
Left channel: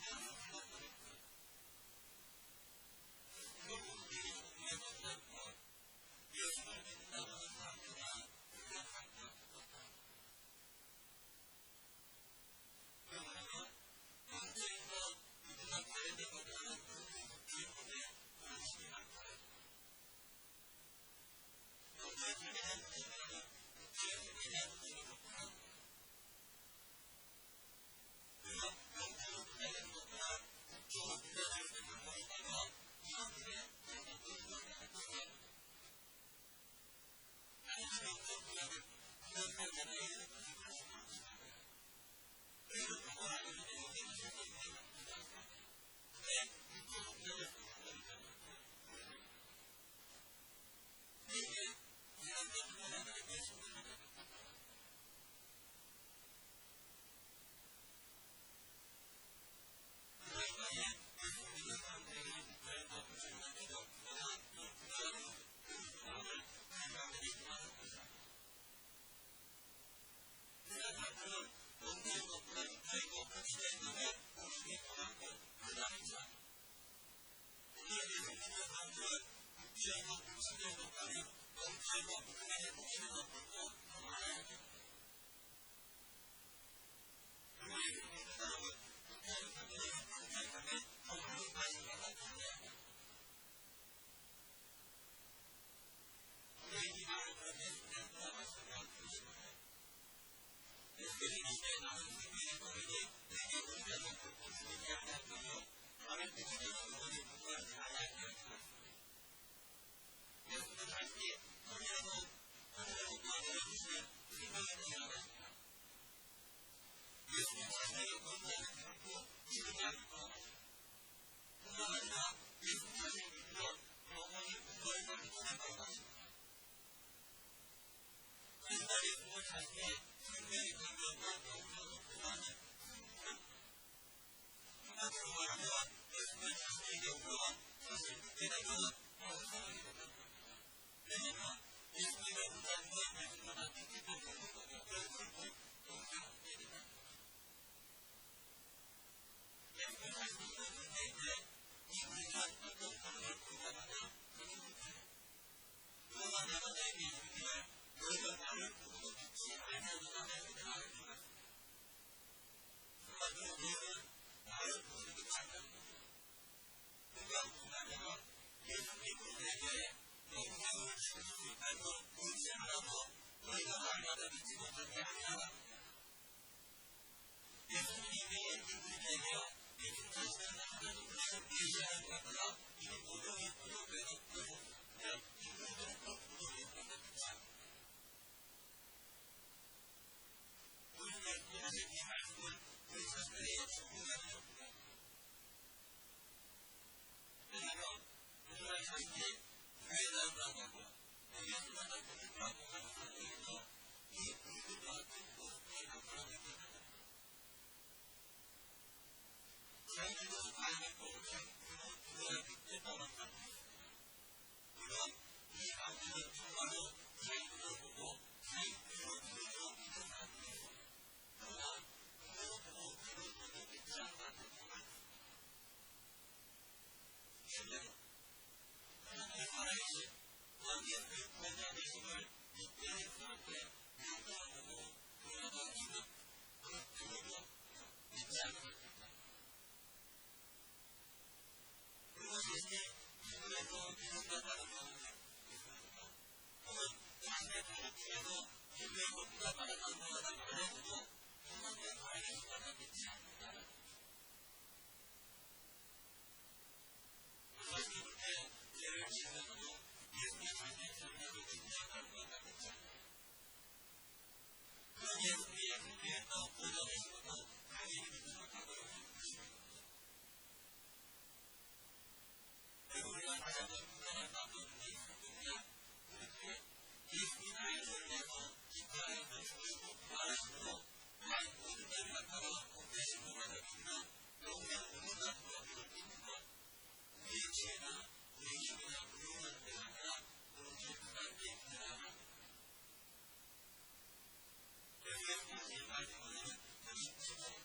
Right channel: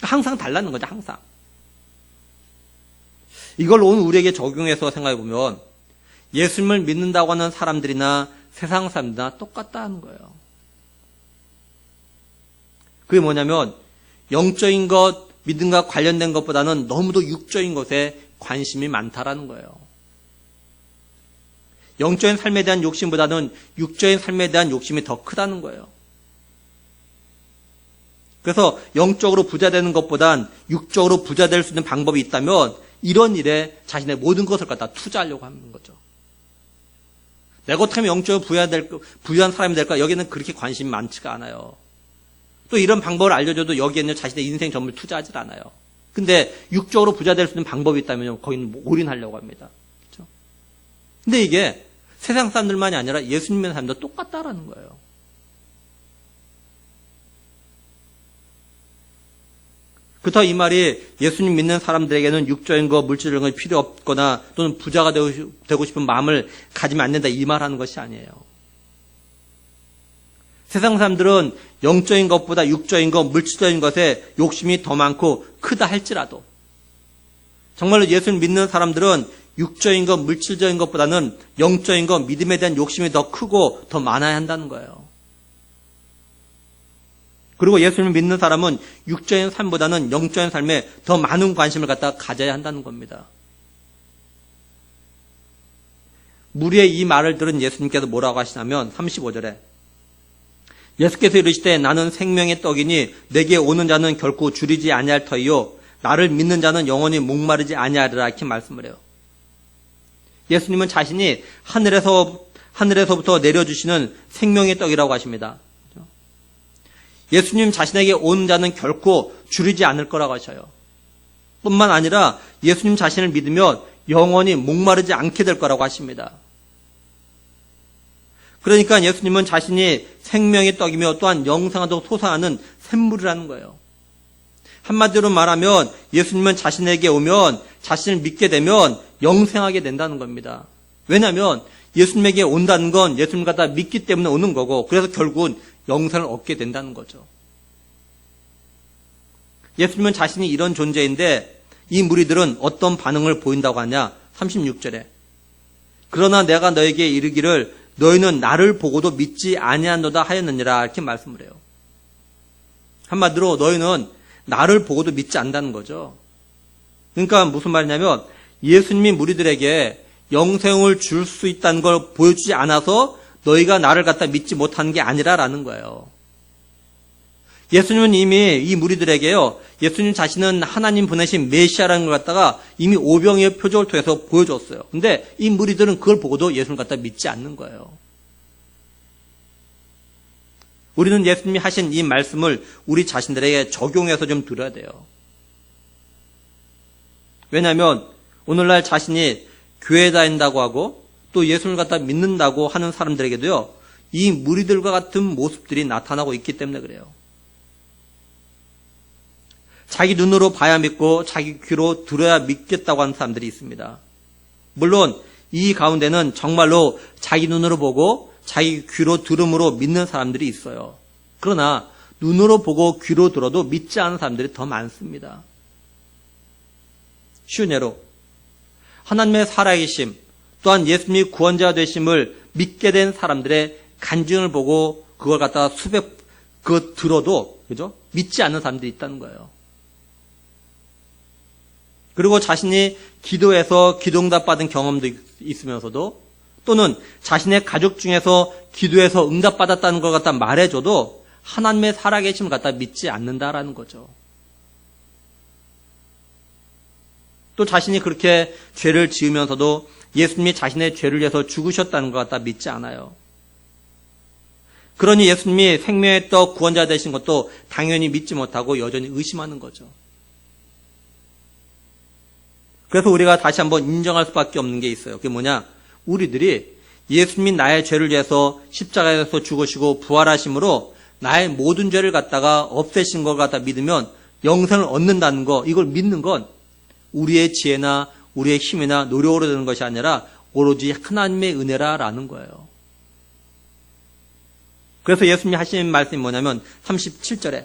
항상 달라는 거죠, 항상. 이걸 오늘 우리에게 적용해서 생각해보면, 예수님을 믿는다고 하는 사람들이나 세상 사람들이나 똑같다는 거예요. 그게 뭐냐면, 영적인 것, 믿음과 관련된 것보다는 너무도 육적인 것에 관심이 많다라는 거예요. 영적인 삶에 대한 욕심보다는 육적인 삶에 대한 욕심이 더 크다는 거예요. 그래서 영적으로 부자 되는 것보단 육적으로 부자 될 수 있는 방법이 있다면 이런 일에 자신의 모든 것을 갖다 투자하려고 하는 거죠. 내가 어떻게 하면 영적으로 부유한 사람이 될까? 여기는 그렇게 관심이 많지가 않아요. 또 이런 방법을 알려줘도 여기에는 자신의 인생 전부를 투자하지 않아요. 근데 육적으로 부자 될 수 있는 방법이 있다면 거기는 올인하려고 합니다. 그렇죠? 근데 이게 세상 사람들만이 아니라 예수님 믿는 사람도 똑같다라는 거예요. 그렇다고 이 말이 예수님 믿는 사람들에게는 육적인 거, 물질적인 거 필요 없거나 또는 부자가 되고 싶은 마음을 가지면 안 된다 이 말하는 것이 아니에요. 세상 사람들은 영적인 것보다 육적인 것, 물질적인 것에 욕심이 더 많고 크다 할지라도 정말로 예수를 믿는 사람들은 육적인 것, 물질적인 것보다는 영적인 것, 믿음에 대한 욕심이 더 크고 더 많아야 한다는 거예요. 그리고 예수를 믿는 사람은 육적인 삶보다는 영적인 삶에 더 많은 관심을 갖다 가져야 한다는 겁니다. 무리의 이 말을 들은 예수님께서 뭐라고 하시냐면 35절에 예수께서 이르시되 나는 생명의 떡이니 내게 오는 자는 결코 줄이지 아니할 터이요 나를 믿는 자는 영원히 목마르지 아니하리라 이렇게 말씀을 해요. 예수님은 자신이 하늘에서부터 내려주시는 생명의 떡이라고 하십니다. 예수님 자신에게 온 자는 결코 줄이지 않을 거라고 하셔요. 뿐만 아니라 예수님 자신을 믿으면 영원히 목마르지 않게 될 거라고 하십니다. 그러니까 예수님은 자신이 생명의 떡이며 또한 영생하도록 솟아나는 샘물이라는 거예요. 한마디로 말하면 예수님은 자신에게 오면 자신을 믿게 되면 영생하게 된다는 겁니다. 왜냐하면 예수님에게 온다는 건 예수님 갖다 믿기 때문에 오는 거고 그래서 결국은 영생을 얻게 된다는 거죠. 예수님은 자신이 이런 존재인데 이 무리들은 어떤 반응을 보인다고 하냐? 36절에 그러나 내가 너에게 이르기를 너희는 나를 보고도 믿지 아니하노다 하였느니라 이렇게 말씀을 해요. 한마디로 너희는 나를 보고도 믿지 않는다는 거죠. 그러니까 무슨 말이냐면 예수님이 무리들에게 영생을 줄 수 있다는 걸 보여주지 않아서 너희가 나를 갖다 믿지 못하는 게 아니라라는 거예요. 예수님은 이미 이 무리들에게요. 예수님 자신은 하나님 보내신 메시아라는 걸 갖다가 이미 오병이의 표적을 통해서 보여줬어요. 근데 이 무리들은 그걸 보고도 예수님을 갖다 믿지 않는 거예요. 우리는 예수님이 하신 이 말씀을 우리 자신들에게 적용해서 좀 들어야 돼요. 왜냐하면 오늘날 자신이 교회 다닌다고 하고 또 예수님을 갖다 믿는다고 하는 사람들에게도요. 이 무리들과 같은 모습들이 나타나고 있기 때문에 그래요. 자기 눈으로 봐야 믿고 자기 귀로 들어야 믿겠다고 하는 사람들이 있습니다. 물론 이 가운데는 정말로 자기 눈으로 보고 자기 귀로 들음으로 믿는 사람들이 있어요. 그러나 눈으로 보고 귀로 들어도 믿지 않은 사람들이 더 많습니다. 쉬운 예로 하나님의 살아계심 또한 예수님이 구원자 되심을 믿게 된 사람들의 간증을 보고 그걸 갖다가 그거 들어도 그죠? 믿지 않는 사람들이 있다는 거예요. 그리고 자신이 기도해서 기도응답 받은 경험도 있으면서도 또는 자신의 가족 중에서 기도해서 응답받았다는 걸 갖다 말해줘도 하나님의 살아계심을 갖다 믿지 않는다라는 거죠. 또 자신이 그렇게 죄를 지으면서도 예수님이 자신의 죄를 위해서 죽으셨다는 것 갖다 믿지 않아요. 그러니 예수님이 생명의 떡 구원자 되신 것도 당연히 믿지 못하고 여전히 의심하는 거죠. 그래서 우리가 다시 한번 인정할 수밖에 없는 게 있어요. 그게 뭐냐? 우리들이 예수님이 나의 죄를 위해서 십자가에서 죽으시고 부활하심으로 나의 모든 죄를 갖다가 없애신 걸 갖다 믿으면 영생을 얻는다는 거, 이걸 믿는 건 우리의 지혜나 우리의 힘이나 노력으로 되는 것이 아니라 오로지 하나님의 은혜라라는 거예요. 그래서 예수님이 하시는 말씀이 뭐냐면 37절에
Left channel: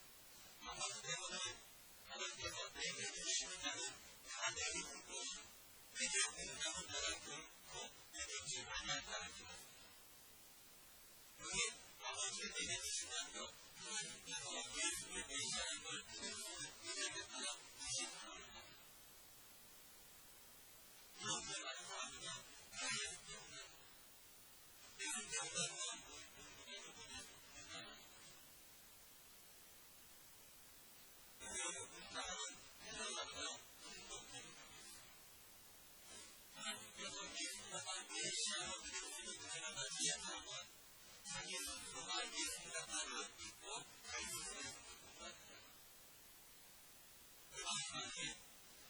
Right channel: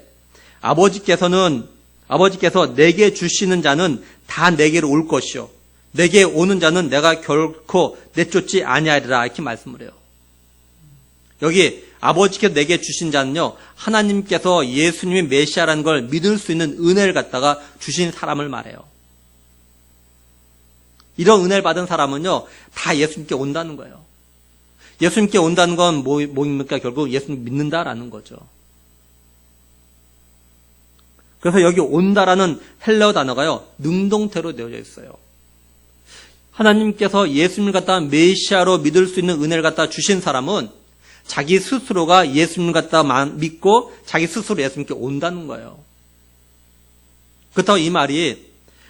아버지께서 내게 주시는 자는 다 내게로 올 것이요 내게 오는 자는 내가 결코 내쫓지 아니하리라 이렇게 말씀을 해요. 여기 아버지께서 내게 주신 자는요 하나님께서 예수님이 메시아라는 걸 믿을 수 있는 은혜를 갖다가 주신 사람을 말해요. 이런 은혜를 받은 사람은요 다 예수님께 온다는 거예요. 예수님께 온다는 건 뭐입니까? 결국 예수님 믿는다라는 거죠. 그래서 여기 온다라는 헬라어 단어가요 능동태로 되어져 있어요. 하나님께서 예수님을 갖다 메시아로 믿을 수 있는 은혜를 갖다 주신 사람은 자기 스스로가 예수님을 갖다 믿고 자기 스스로 예수님께 온다는 거예요. 그렇다고 이 말이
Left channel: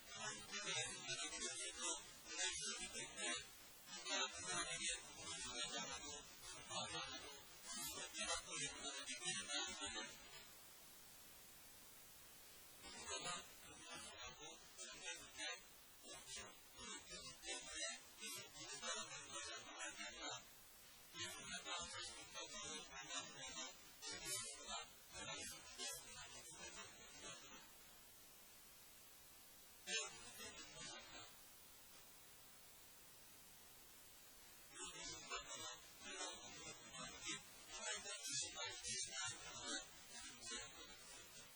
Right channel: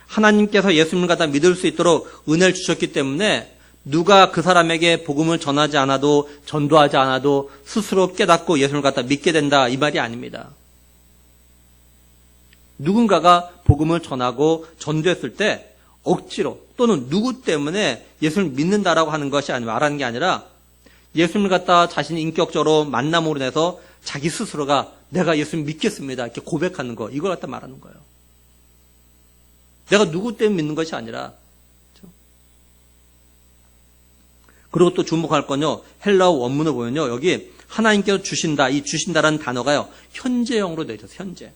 하나님께서 예수님을 갖다 믿을 수 있도록 은혜를 주셨기 때문에 누가 그 사람에게 복음을 전하지 않아도 전도하지 않아도 스스로 깨닫고 예수님을 갖다 믿게 된다 이 말이 아닙니다. 누군가가 복음을 전하고 전도했을 때 억지로 또는 누구 때문에 예수님을 믿는다라고 하는 것이 말하는 게 아니라 예수님을 갖다 자신이 인격적으로 만남으로 인해서 자기 스스로가 내가 예수님 믿겠습니다. 이렇게 고백하는 거, 이걸 갖다 말하는 거예요. 내가 누구 때문에 믿는 것이 아니라. 그렇죠? 그리고 또 주목할 건요, 헬라어 원문을 보면요, 여기 하나님께서 주신다, 이 주신다라는 단어가요, 현재형으로 되어 있어요, 현재.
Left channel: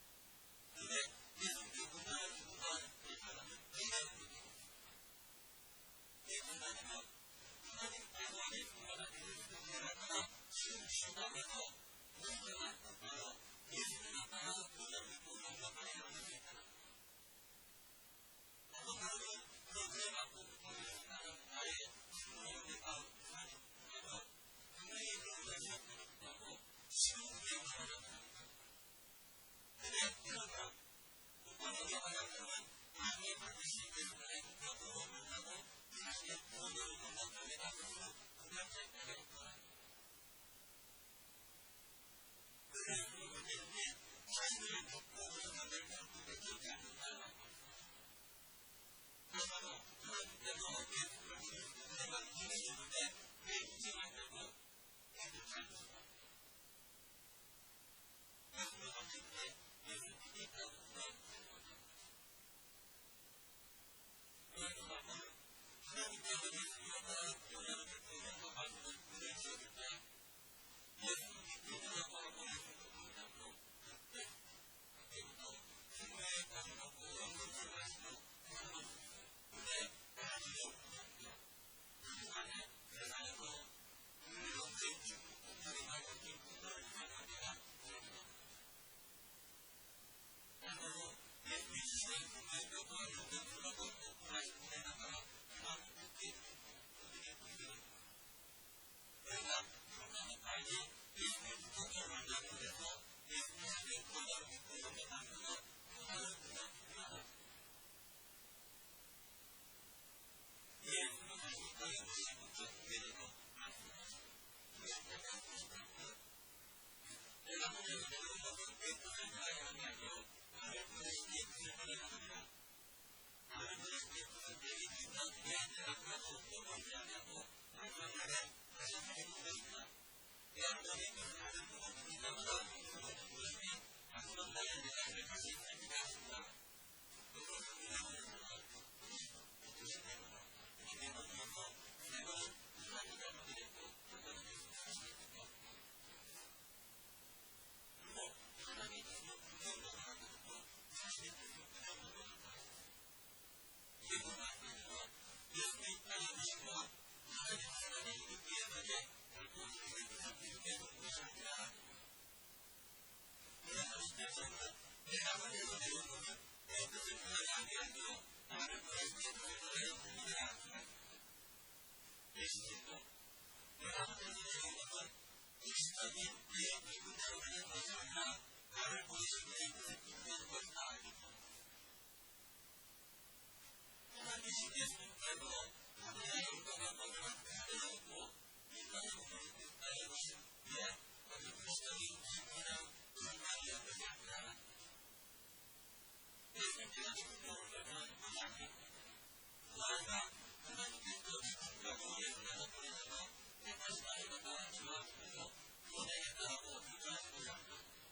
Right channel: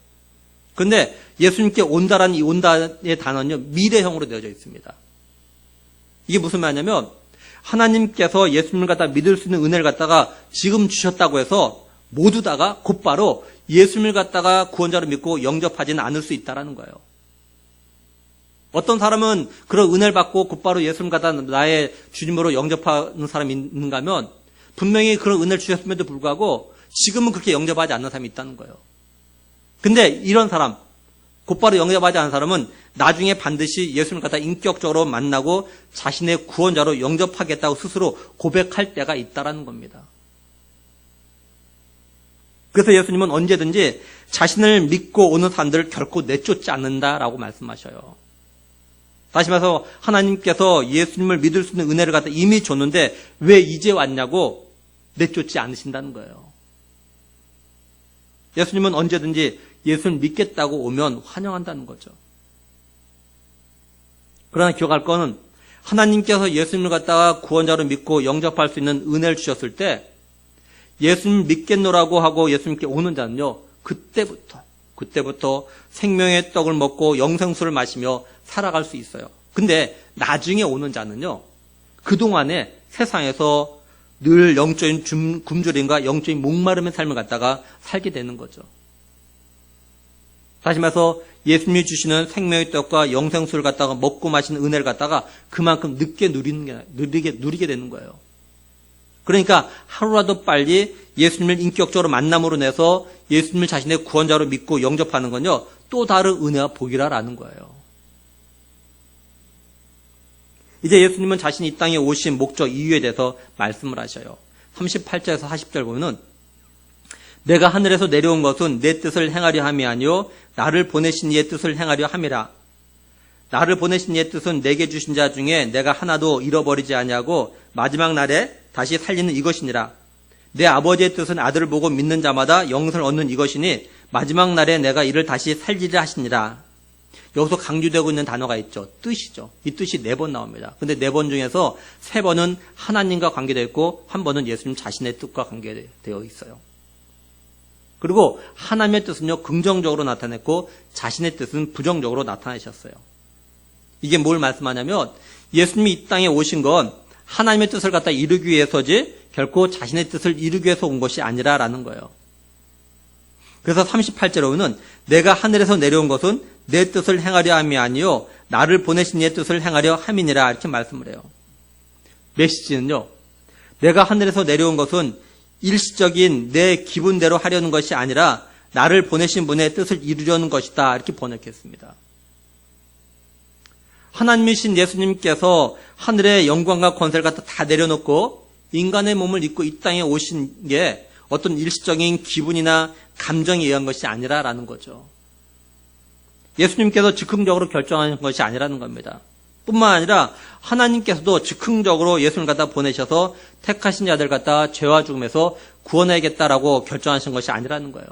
그런데 예수님께 온다라는 이 온다의 단어는요, 미래형으로 되어져 있습니다. 이게 무슨 말이냐면, 하나님께서 예수님을 갖다 믿을 수 있는 은혜를 갖다가 지금 주셨다고 해서 모두 다가 곧바로 예수님을 갖다가 구원자로 믿고 영접하지는 않을 수 있다라는 거예요. 어떤 사람은 그런 은혜를 받고 곧바로 예수님을 갖다 나의 주님으로 영접하는 사람이 있는가 하면 분명히 그런 은혜를 주셨음에도 불구하고 지금은 그렇게 영접하지 않는 사람이 있다는 거예요. 근데 이런 사람, 곧바로 영접하지 않은 사람은 나중에 반드시 예수님을 갖다 인격적으로 만나고 자신의 구원자로 영접하겠다고 스스로 고백할 때가 있다라는 겁니다. 그래서 예수님은 언제든지 자신을 믿고 오는 사람들을 결코 내쫓지 않는다라고 말씀하셔요. 다시 말해서 하나님께서 예수님을 믿을 수 있는 은혜를 갖다 이미 줬는데 왜 이제 왔냐고 내쫓지 않으신다는 거예요. 예수님은 언제든지 예수를 믿겠다고 오면 환영한다는 거죠. 그러나 기억할 거는 하나님께서 예수님을 갖다가 구원자로 믿고 영접할 수 있는 은혜를 주셨을 때 예수님 믿겠노라고 하고 예수님께 오는 자는요, 그때부터 생명의 떡을 먹고 영생수를 마시며 살아갈 수 있어요. 근데 나중에 오는 자는요, 그동안에 세상에서 늘 영적인 굶주림과 영적인 목마름의 삶을 갖다가 살게 되는 거죠. 다시 말해서 예수님이 주시는 생명의 떡과 영생수를 갖다가 먹고 마시는 은혜를 갖다가 그만큼 늦게 누리게 되는 거예요. 그러니까 하루라도 빨리 예수님을 인격적으로 만남으로 내서 예수님을 자신의 구원자로 믿고 영접하는 건요, 또 다른 은혜와 복이라는 거예요. 이제 예수님은 자신이 이 땅에 오신 목적 이유에 대해서 말씀을 하셔요. 38절에서 40절 보면은 내가 하늘에서 내려온 것은 내 뜻을 행하려 함이 아니요 나를 보내신 이의 뜻을 행하려 함이라. 나를 보내신 이의 뜻은 내게 주신 자 중에 내가 하나도 잃어버리지 아니하고 마지막 날에 다시 살리는 이것이니라. 내 아버지의 뜻은 아들을 보고 믿는 자마다 영생을 얻는 이것이니 마지막 날에 내가 이를 다시 살리려 하시니라. 여기서 강조되고 있는 단어가 있죠. 뜻이죠. 이 뜻이 4번 나옵니다. 근데 4번 중에서 3번은 하나님과 관계되어 있고 1번은 예수님 자신의 뜻과 관계되어 있어요. 그리고 하나님의 뜻은요, 긍정적으로 나타냈고 자신의 뜻은 부정적으로 나타내셨어요. 이게 뭘 말씀하냐면 예수님이 이 땅에 오신 건 하나님의 뜻을 갖다 이루기 위해서지 결코 자신의 뜻을 이루기 위해서 온 것이 아니라라는 거예요. 그래서 38절에는 내가 하늘에서 내려온 것은 내 뜻을 행하려 함이 아니요 나를 보내신 이의 뜻을 행하려 함이니라 이렇게 말씀을 해요. 메시지는요, 내가 하늘에서 내려온 것은 일시적인 내 기분대로 하려는 것이 아니라 나를 보내신 분의 뜻을 이루려는 것이다 이렇게 번역했습니다. 하나님이신 예수님께서 하늘의 영광과 권세를 갖다 다 내려놓고 인간의 몸을 입고 이 땅에 오신 게 어떤 일시적인 기분이나 감정에 의한 것이 아니라라는 거죠. 예수님께서 즉흥적으로 결정하는 것이 아니라는 겁니다. 뿐만 아니라 하나님께서도 즉흥적으로 예수님을 갖다 보내셔서 택하신 자들 갖다 죄와 죽음에서 구원해야겠다라고 결정하신 것이 아니라는 거예요.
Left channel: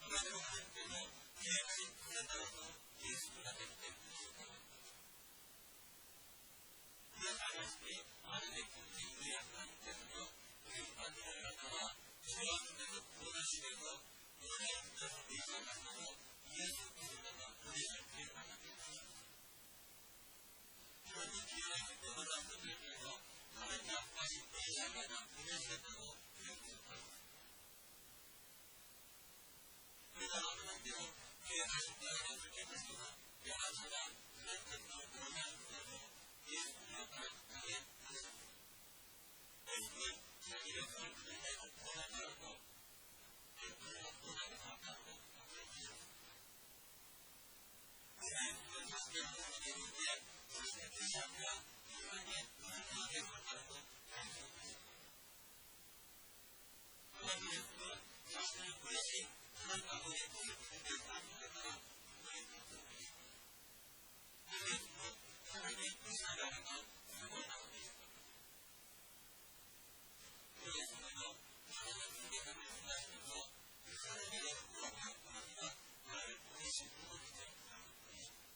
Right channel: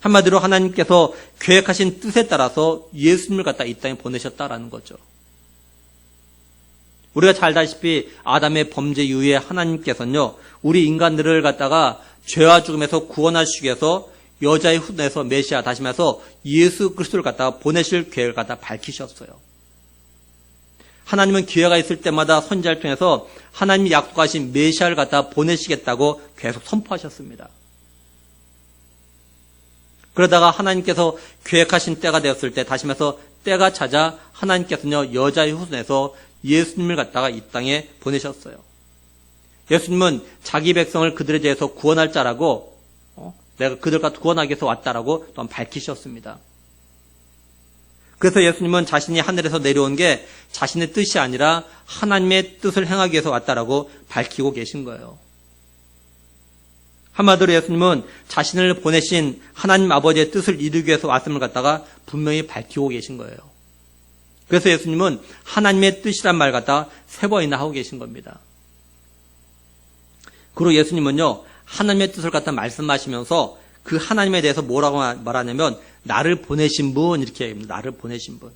한마디로 하나님께서 계획하신 뜻에 따라서 예수님을 갖다 이 땅에 보내셨다라는 거죠. 우리가 잘 알다시피 아담의 범죄 이후에 하나님께서는요, 우리 인간들을 갖다가 죄와 죽음에서 구원하시기 위해서 여자의 후손에서 메시아, 다시 말해서 예수 그리스도를 갖다가 보내실 계획을 갖다 밝히셨어요. 하나님은 기회가 있을 때마다 선지자를 통해서 하나님이 약속하신 메시아를 갖다가 보내시겠다고 계속 선포하셨습니다. 그러다가 하나님께서 계획하신 때가 되었을 때, 다시 말해서 때가 찾아 하나님께서는요, 여자의 후손에서 예수님을 갖다가 이 땅에 보내셨어요. 예수님은 자기 백성을 그들에 대해서 구원할 자라고, 내가 그들과 구원하기 위해서 왔다라고 또한 밝히셨습니다. 그래서 예수님은 자신이 하늘에서 내려온 게 자신의 뜻이 아니라 하나님의 뜻을 행하기 위해서 왔다라고 밝히고 계신 거예요. 한마디로 예수님은 자신을 보내신 하나님 아버지의 뜻을 이루기 위해서 왔음을 갖다가 분명히 밝히고 계신 거예요. 그래서 예수님은 하나님의 뜻이란 말 갖다 3번이나 하고 계신 겁니다. 그리고 예수님은요, 하나님의 뜻을 갖다 말씀하시면서 그 하나님에 대해서 뭐라고 말하냐면 나를 보내신 분 이렇게 얘기합니다. 나를 보내신 분.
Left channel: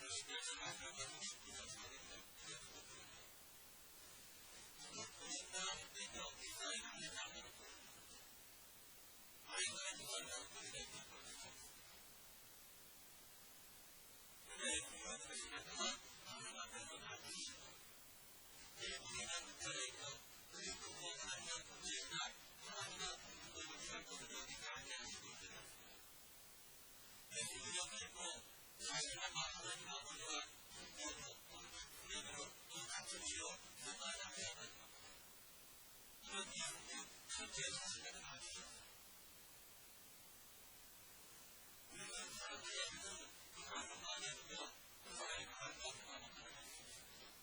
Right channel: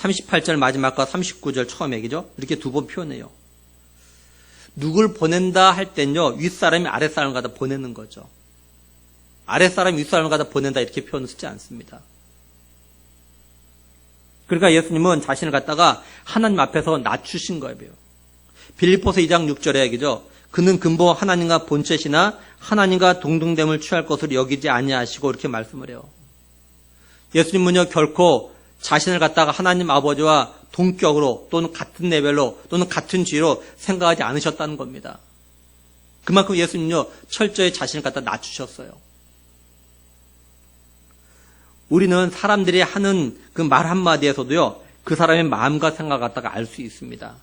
38절 마지막과 39절 처음 얘기죠. 이렇게 두 번 표현해요. 누굴 보낸다 할 땐요. 윗사람이 아랫사람을 갖다 보내는 거죠. 아랫사람이 윗사람을 갖다 보낸다 이렇게 표현을 쓰지 않습니다. 그러니까 예수님은 자신을 갖다가 하나님 앞에서 낮추신 거예요. 빌립보서 2장 6절의 얘기죠. 그는 근본 하나님과 본체시나 하나님과 동등됨을 취할 것으로 여기지 아니하시고 이렇게 말씀을 해요. 예수님은요 결코 자신을 갖다가 하나님 아버지와 동격으로 또는 같은 레벨로 또는 같은 지위로 생각하지 않으셨다는 겁니다. 그만큼 예수님은요 철저히 자신을 갖다 낮추셨어요. 우리는 사람들이 하는 그 말 한마디에서도요 그 사람의 마음과 생각을 갖다가 알 수 있습니다.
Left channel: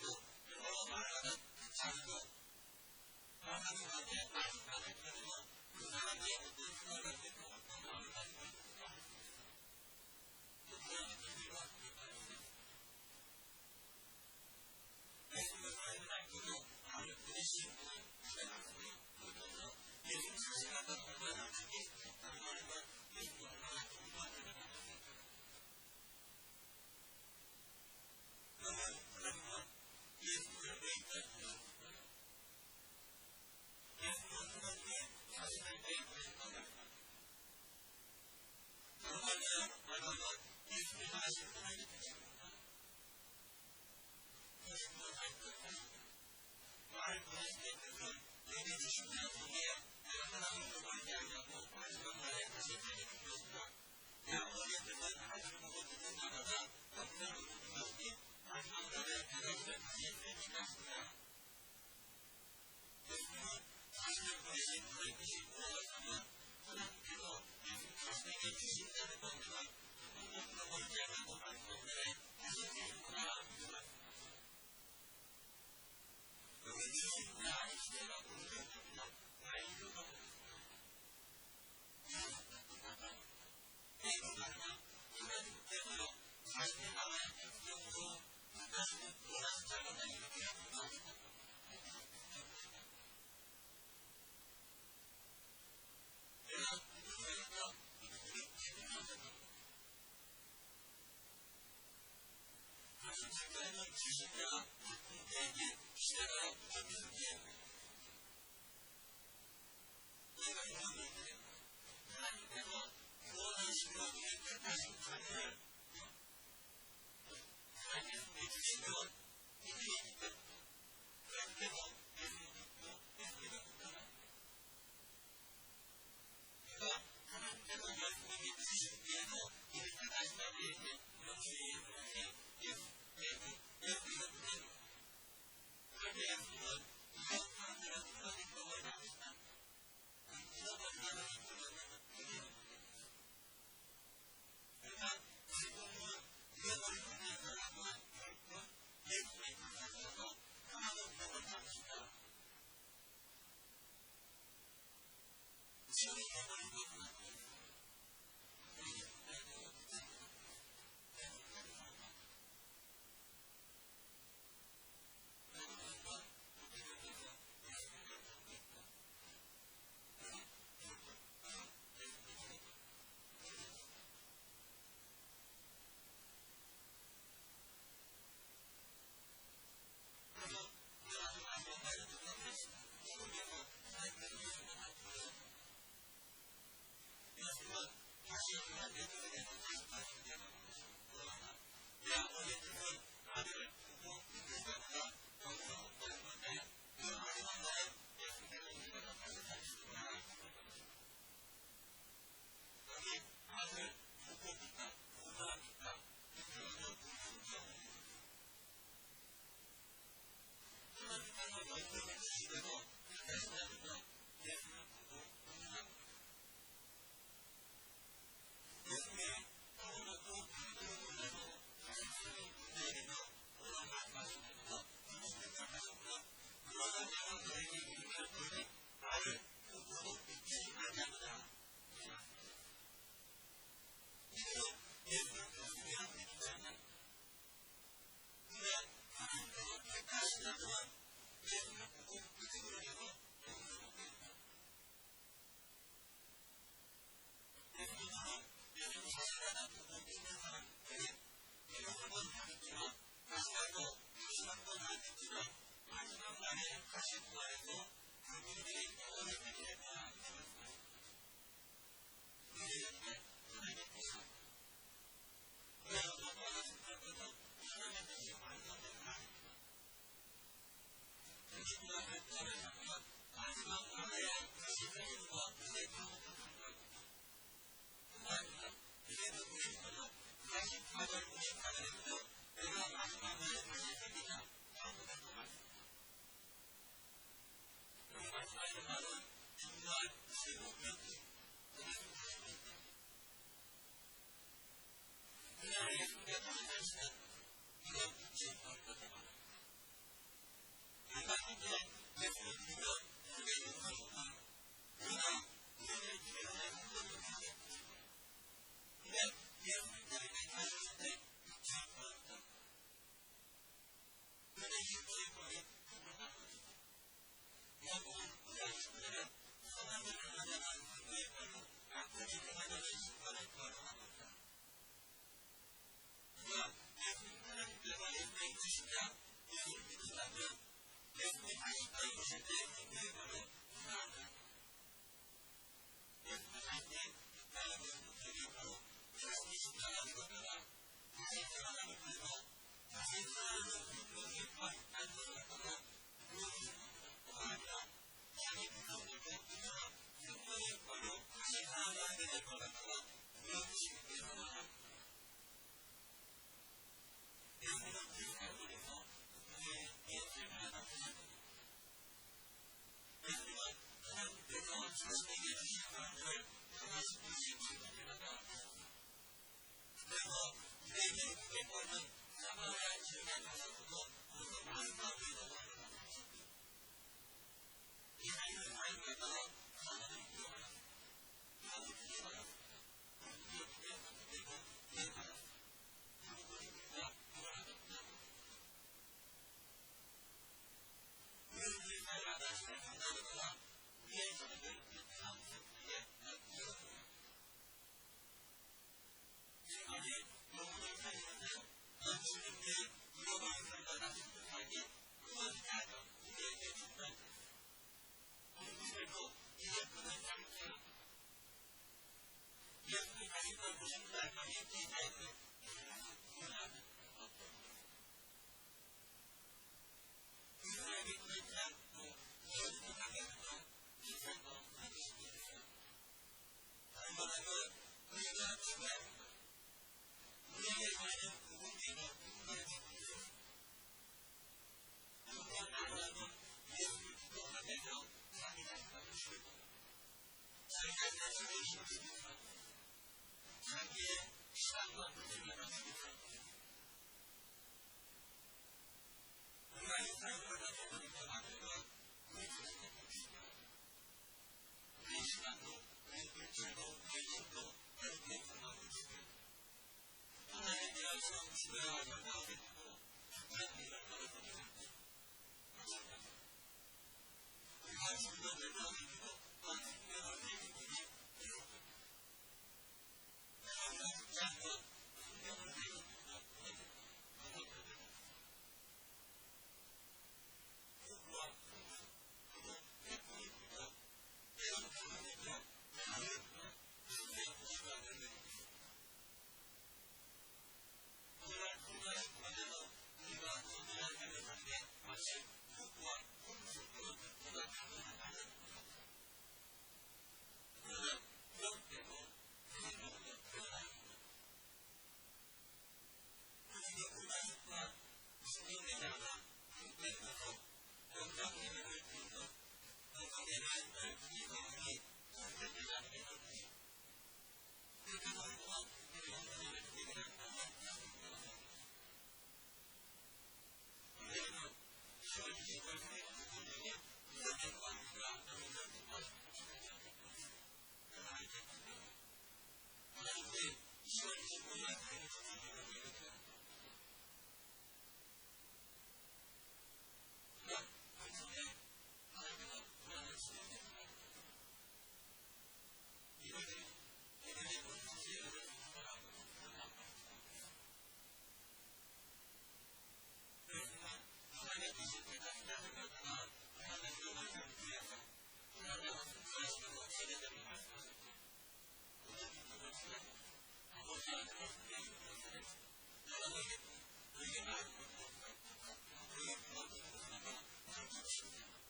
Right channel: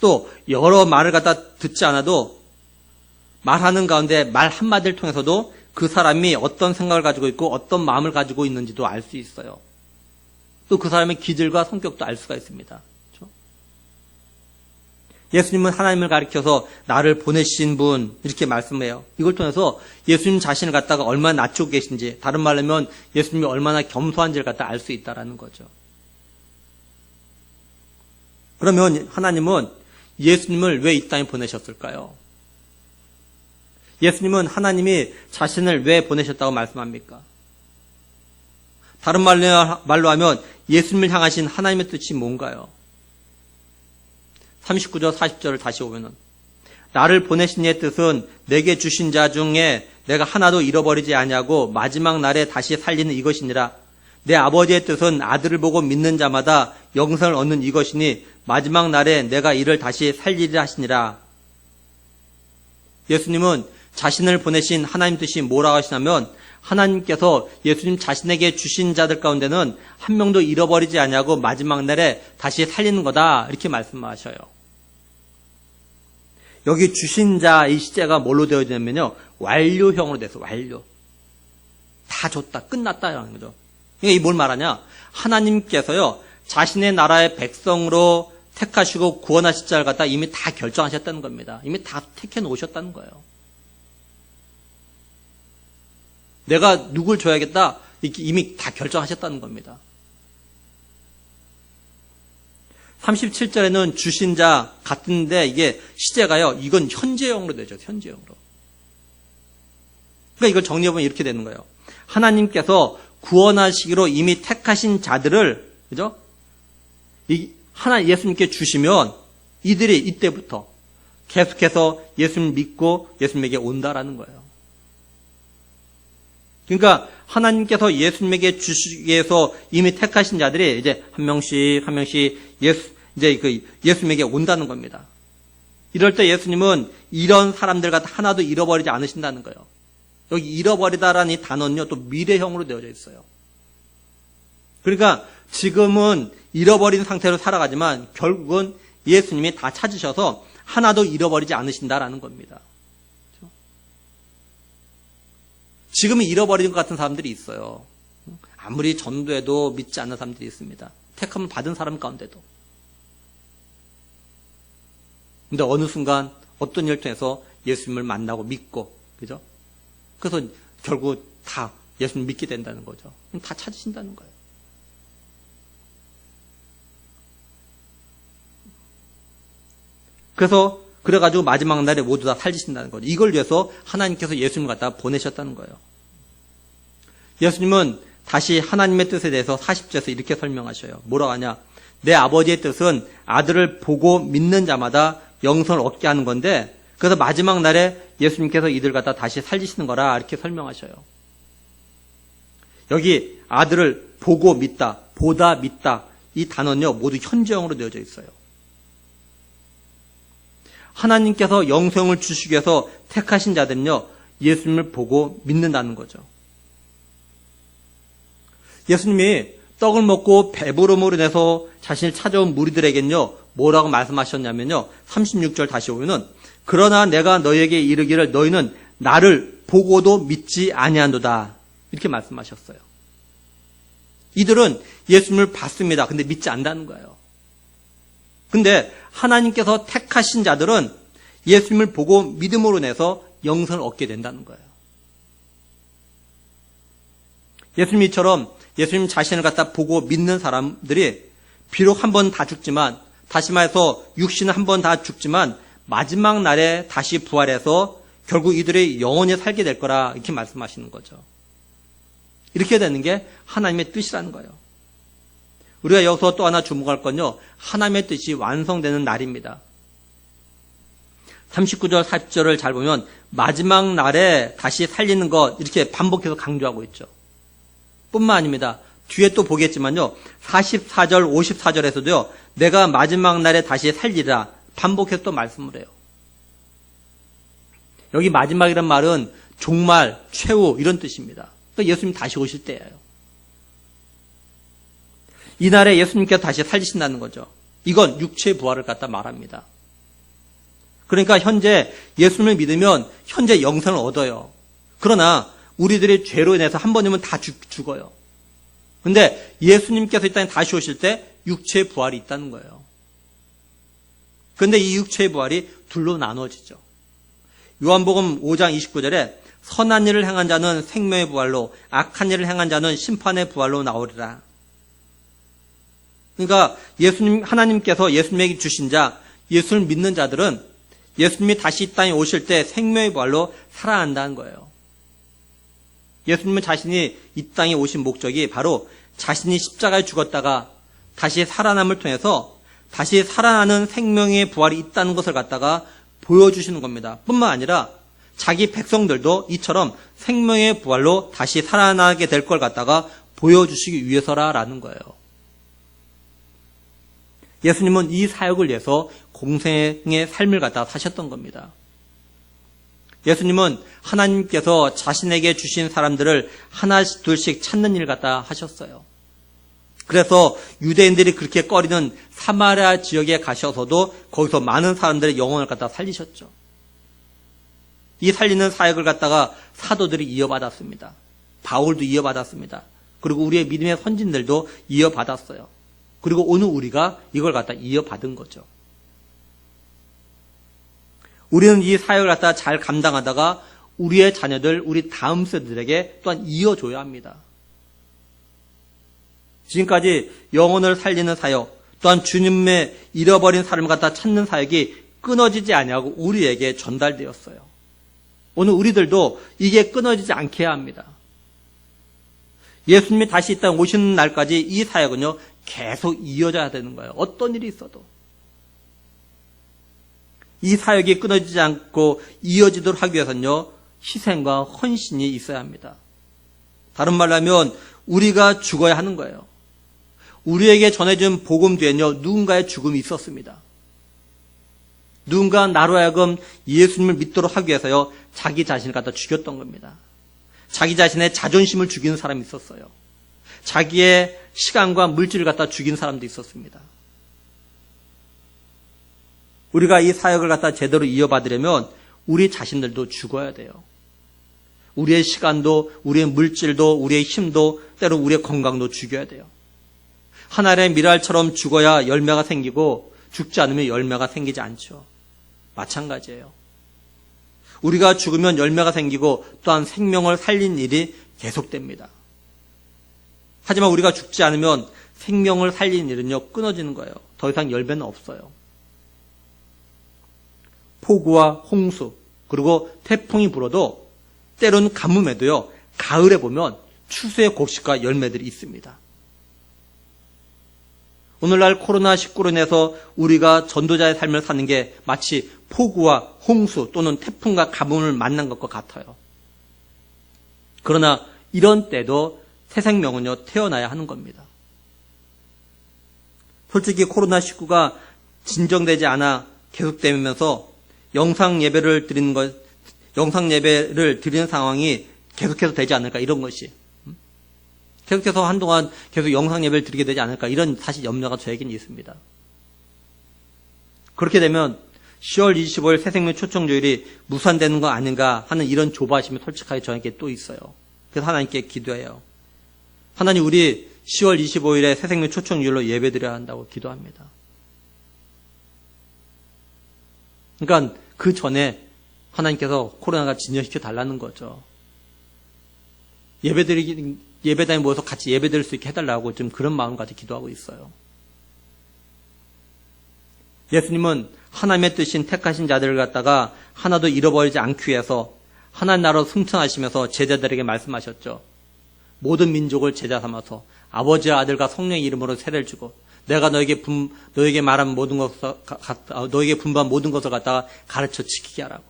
또 여러 말을 갖다 듣지 않아도 말하는 가운데 말 한마디를 통해서도 그 사람이 어떤 생각을 가지고 있고 어떤 마음을 가지고 있는지도 알 수 있어요. 또 그 사람의 기질과 성격도 알 수가 있습니다. 그렇죠? 예수님은 하나님을 가리켜서 나를 보내신 분 이렇게 말씀해요. 이걸 통해서 예수님 자신을 갖다가 얼마나 낮추고 계신지, 다른 말로 하면 예수님이 얼마나 겸손한지를 갖다 알 수 있다라는 거죠. 그러면 하나님은 예수님을 왜 이 땅에 보내셨을까요? 예수님은 하나님이 자신을 왜 보내셨다고 말씀합니까? 다른 말로 하면 예수님을 향하신 하나님의 뜻이 뭔가요? 39절 40절을 다시 보면은 나를 보내신 이의 뜻은 내게 주신 자 중에 내가 하나도 잃어버리지 아니하고 마지막 날에 다시 살리는 이것이니라. 내 아버지의 뜻은 아들을 보고 믿는 자마다 영생을 얻는 이것이니 마지막 날에 내가 이를 다시 살리리라 하시니라. 예수님은 자신을 보내신 하나님 뜻이 뭐라고 하시냐면 하나님께서 예수님 자신에게 주신 자들 가운데는 한 명도 잃어버리지 아니하고 마지막 날에 다시 살리는 거다 이렇게 말씀하셔요. 여기 주신 자 이 시제가 뭘로 되어지냐면요 완료형으로 돼서 완료. 다 줬다 끝났다 라는 거죠. 그러니까 이 뭘 말하냐 하나님께서요 자신의 나라의 백성으로 택하시고 구원하실 자를 갖다 이미 다 결정하셨다는 겁니다. 이미 다 택해 놓으셨다는 거예요. 내가 누굴 줘야겠다 이미 다 결정하셨다는 겁니다. 37절에는 주신 자 같은데 이게 시제가요 이건 현재형으로 되죠. 현재형으로. 그러니까 이걸 정리해보면 이렇게 되는 거예요. 하나님께서 구원하시기로 이미 택하신 자들을 그죠? 예수님께 주시면 이들이 이때부터 계속해서 예수님 믿고 예수님에게 온다라는 거예요. 그러니까 하나님께서 예수님에게 주시기 위해서 이미 택하신 자들이 이제 한 명씩 예수님에게 온다는 겁니다. 이럴 때 예수님은 이런 사람들 같아 하나도 잃어버리지 않으신다는 거예요. 여기 잃어버리다라는 이 단어는요 또 미래형으로 되어져 있어요. 그러니까 지금은 잃어버린 상태로 살아가지만 결국은 예수님이 다 찾으셔서 하나도 잃어버리지 않으신다라는 겁니다. 지금은 잃어버린 것 같은 사람들이 있어요. 아무리 전도해도 믿지 않는 사람들이 있습니다. 택함을 받은 사람 가운데도. 근데 어느 순간 어떤 일을 통해서 예수님을 만나고 믿고, 그죠? 그래서 결국 다 예수님 믿게 된다는 거죠. 다 찾으신다는 거예요. 그래가지고 마지막 날에 모두 다 살리신다는 거죠. 이걸 위해서 하나님께서 예수님을 갖다 보내셨다는 거예요. 예수님은 다시 하나님의 뜻에 대해서 40절에서 이렇게 설명하셔요. 뭐라고 하냐? 내 아버지의 뜻은 아들을 보고 믿는 자마다 영생을 얻게 하는 건데 그래서 마지막 날에 예수님께서 이들 갖다 다시 살리시는 거라 이렇게 설명하셔요. 여기 아들을 보고 믿다, 보다 믿다 이 단어는요 모두 현재형으로 되어져 있어요. 하나님께서 영생을 주시기 위해서 택하신 자들은요 예수님을 보고 믿는다는 거죠. 예수님이 떡을 먹고 배부름으로 인해서 자신을 찾아온 무리들에겐요 뭐라고 말씀하셨냐면요 36절 다시 보면은 그러나 내가 너희에게 이르기를 너희는 나를 보고도 믿지 아니한도다 이렇게 말씀하셨어요. 이들은 예수님을 봤습니다. 근데 믿지 않는다는 거예요. 근데 하나님께서 택하신 자들은 예수님을 보고 믿음으로 인해서 영생을 얻게 된다는 거예요. 예수님처럼 예수님 자신을 갖다 보고 믿는 사람들이 비록 한 번 다 죽지만, 다시 말해서 육신은 한 번 다 죽지만 마지막 날에 다시 부활해서 결국 이들이 영원히 살게 될 거라 이렇게 말씀하시는 거죠. 이렇게 되는 게 하나님의 뜻이라는 거예요. 우리가 여기서 또 하나 주목할 건요, 하나님의 뜻이 완성되는 날입니다. 39절, 40절을 잘 보면 마지막 날에 다시 살리는 것 이렇게 반복해서 강조하고 있죠. 뿐만 아닙니다. 뒤에 또 보겠지만요, 44절, 54절에서도요, 내가 마지막 날에 다시 살리라 반복해서 또 말씀을 해요. 여기 마지막이란 말은 종말, 최후 이런 뜻입니다. 그러니까 예수님 다시 오실 때예요. 이날에 예수님께서 다시 살리신다는 거죠. 이건 육체의 부활을 갖다 말합니다. 그러니까 현재 예수님을 믿으면 현재 영생을 얻어요. 그러나 우리들의 죄로 인해서 한 번이면 다 죽어요. 근데 예수님께서 이 땅에 다시 오실 때 육체의 부활이 있다는 거예요. 그런데 이 육체의 부활이 둘로 나눠지죠. 요한복음 5장 29절에 선한 일을 행한 자는 생명의 부활로, 악한 일을 행한 자는 심판의 부활로 나오리라. 그러니까 하나님께서 예수님에게 주신 자, 예수를 믿는 자들은 예수님이 다시 이 땅에 오실 때 생명의 부활로 살아난다는 거예요. 예수님은 자신이 이 땅에 오신 목적이 바로 자신이 십자가에 죽었다가 다시 살아남을 통해서 다시 살아나는 생명의 부활이 있다는 것을 갖다가 보여주시는 겁니다. 뿐만 아니라 자기 백성들도 이처럼 생명의 부활로 다시 살아나게 될 걸 갖다가 보여주시기 위해서라는 거예요. 예수님은 이 사역을 위해서 공생의 삶을 갖다가 사셨던 겁니다. 예수님은 하나님께서 자신에게 주신 사람들을 하나씩 둘씩 찾는 일을 갖다 하셨어요. 그래서 유대인들이 그렇게 꺼리는 사마리아 지역에 가셔서도 거기서 많은 사람들의 영혼을 갖다 살리셨죠. 이 살리는 사역을 갖다가 사도들이 이어받았습니다. 바울도 이어받았습니다. 그리고 우리의 믿음의 선진들도 이어받았어요. 그리고 오늘 우리가 이걸 갖다 이어받은 거죠. 우리는 이 사역을 갖다 잘 감당하다가 우리의 자녀들, 우리 다음 세대들에게 또한 이어줘야 합니다. 지금까지 영혼을 살리는 사역, 또한 주님의 잃어버린 사람을 갖다 찾는 사역이 끊어지지 아니하고 우리에게 전달되었어요. 오늘 우리들도 이게 끊어지지 않게 해야 합니다. 예수님이 다시 이 땅에 오시는 날까지 이 사역은요, 계속 이어져야 되는 거예요. 어떤 일이 있어도. 이 사역이 끊어지지 않고 이어지도록 하기 위해서는요, 희생과 헌신이 있어야 합니다. 다른 말로 하면 우리가 죽어야 하는 거예요. 우리에게 전해준 복음 뒤에는요, 누군가의 죽음이 있었습니다. 누군가 나로 하여금 예수님을 믿도록 하기 위해서요, 자기 자신을 갖다 죽였던 겁니다. 자기 자신의 자존심을 죽이는 사람이 있었어요. 자기의 시간과 물질을 갖다 죽인 사람도 있었습니다. 우리가 이 사역을 갖다 제대로 이어받으려면 우리 자신들도 죽어야 돼요. 우리의 시간도, 우리의 물질도, 우리의 힘도, 때로 우리의 건강도 죽여야 돼요. 하늘의 미랄처럼 죽어야 열매가 생기고 죽지 않으면 열매가 생기지 않죠. 마찬가지예요. 우리가 죽으면 열매가 생기고 또한 생명을 살린 일이 계속됩니다. 하지만 우리가 죽지 않으면 생명을 살린 일은요, 끊어지는 거예요. 더 이상 열매는 없어요. 폭우와 홍수, 그리고 태풍이 불어도 때로는 가뭄에도요, 가을에 보면 추수의 곡식과 열매들이 있습니다. 오늘날 코로나19로 인해서 우리가 전도자의 삶을 사는 게 마치 폭우와 홍수 또는 태풍과 가뭄을 만난 것과 같아요. 그러나 이런 때도 새 생명은요, 태어나야 하는 겁니다. 솔직히 코로나19가 진정되지 않아 계속되면서 영상 예배를 드리는 상황이 계속해서 되지 않을까, 이런 것이. 계속해서 한동안 계속 영상 예배를 드리게 되지 않을까, 이런 사실 염려가 저에게는 있습니다. 그렇게 되면 10월 25일 새생명 초청주일이 무산되는 거 아닌가 하는 이런 조바심이 솔직하게 저에게 또 있어요. 그래서 하나님께 기도해요. 하나님, 우리 10월 25일에 새생명 초청주일로 예배드려야 한다고 기도합니다. 그러니까 그 전에 하나님께서 코로나가 진정시켜 달라는 거죠. 예배당에 모여서 같이 예배드릴 수 있게 해달라고 좀 그런 마음 가지고 기도하고 있어요. 예수님은 하나님의 뜻인 택하신 자들을 갖다가 하나도 잃어버리지 않기 위해서 하나님 나라로 승천하시면서 제자들에게 말씀하셨죠. 모든 민족을 제자 삼아서 아버지와 아들과 성령의 이름으로 세례를 주고 내가 너에게 말한 모든 것을 너에게 분부한 모든 것을 갖다가 가르쳐 지키게 하라고.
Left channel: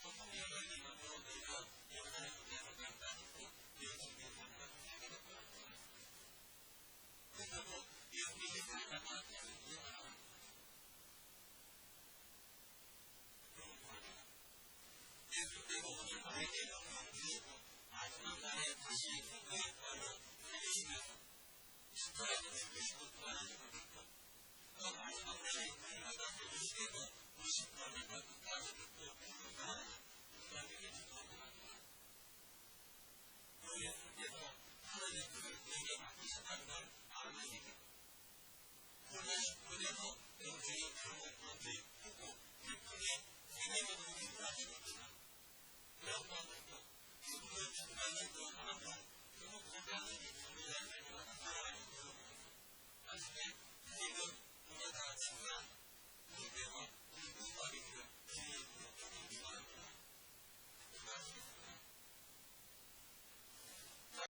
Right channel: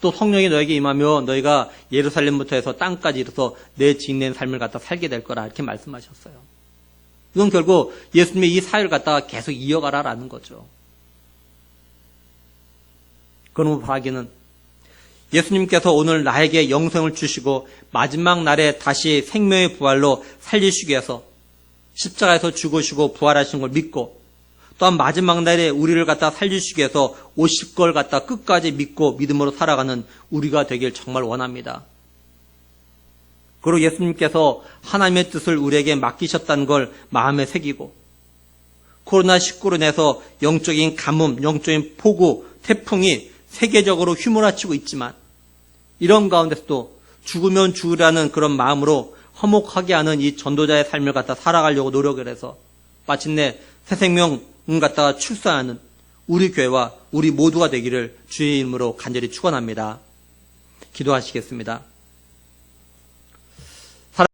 또 성령이 너에게 임하며 너희가 예루살렘부터 해서 땅까지 이르러서 내 지인된 삶을 갖다 살게 될 거라 이렇게 말씀하셨어요. 이건 결국 예수님의 이 사역을 갖다가 계속 이어가라라는 거죠. 그러므로 바라기는 예수님께서 오늘 나에게 영생을 주시고 마지막 날에 다시 생명의 부활로 살리시기 위해서 십자가에서 죽으시고 부활하신 걸 믿고 또한 마지막 날에 우리를 갖다 살리시기 위해서 오실 걸 갖다 끝까지 믿고 믿음으로 살아가는 우리가 되길 정말 원합니다. 그리고 예수님께서 하나님의 뜻을 우리에게 맡기셨다는 걸 마음에 새기고 코로나19로 인해서 영적인 가뭄, 영적인 폭우, 태풍이 세계적으로 휘몰아치고 있지만 이런 가운데서도 죽으면 죽으라는 그런 마음으로 화목하게 하는 이 전도자의 삶을 갖다 살아가려고 노력을 해서 마침내 새 생명을 갖다가 출산하는 우리 교회와 우리 모두가 되기를 주의 이름으로 간절히 축원합니다. 기도하시겠습니다.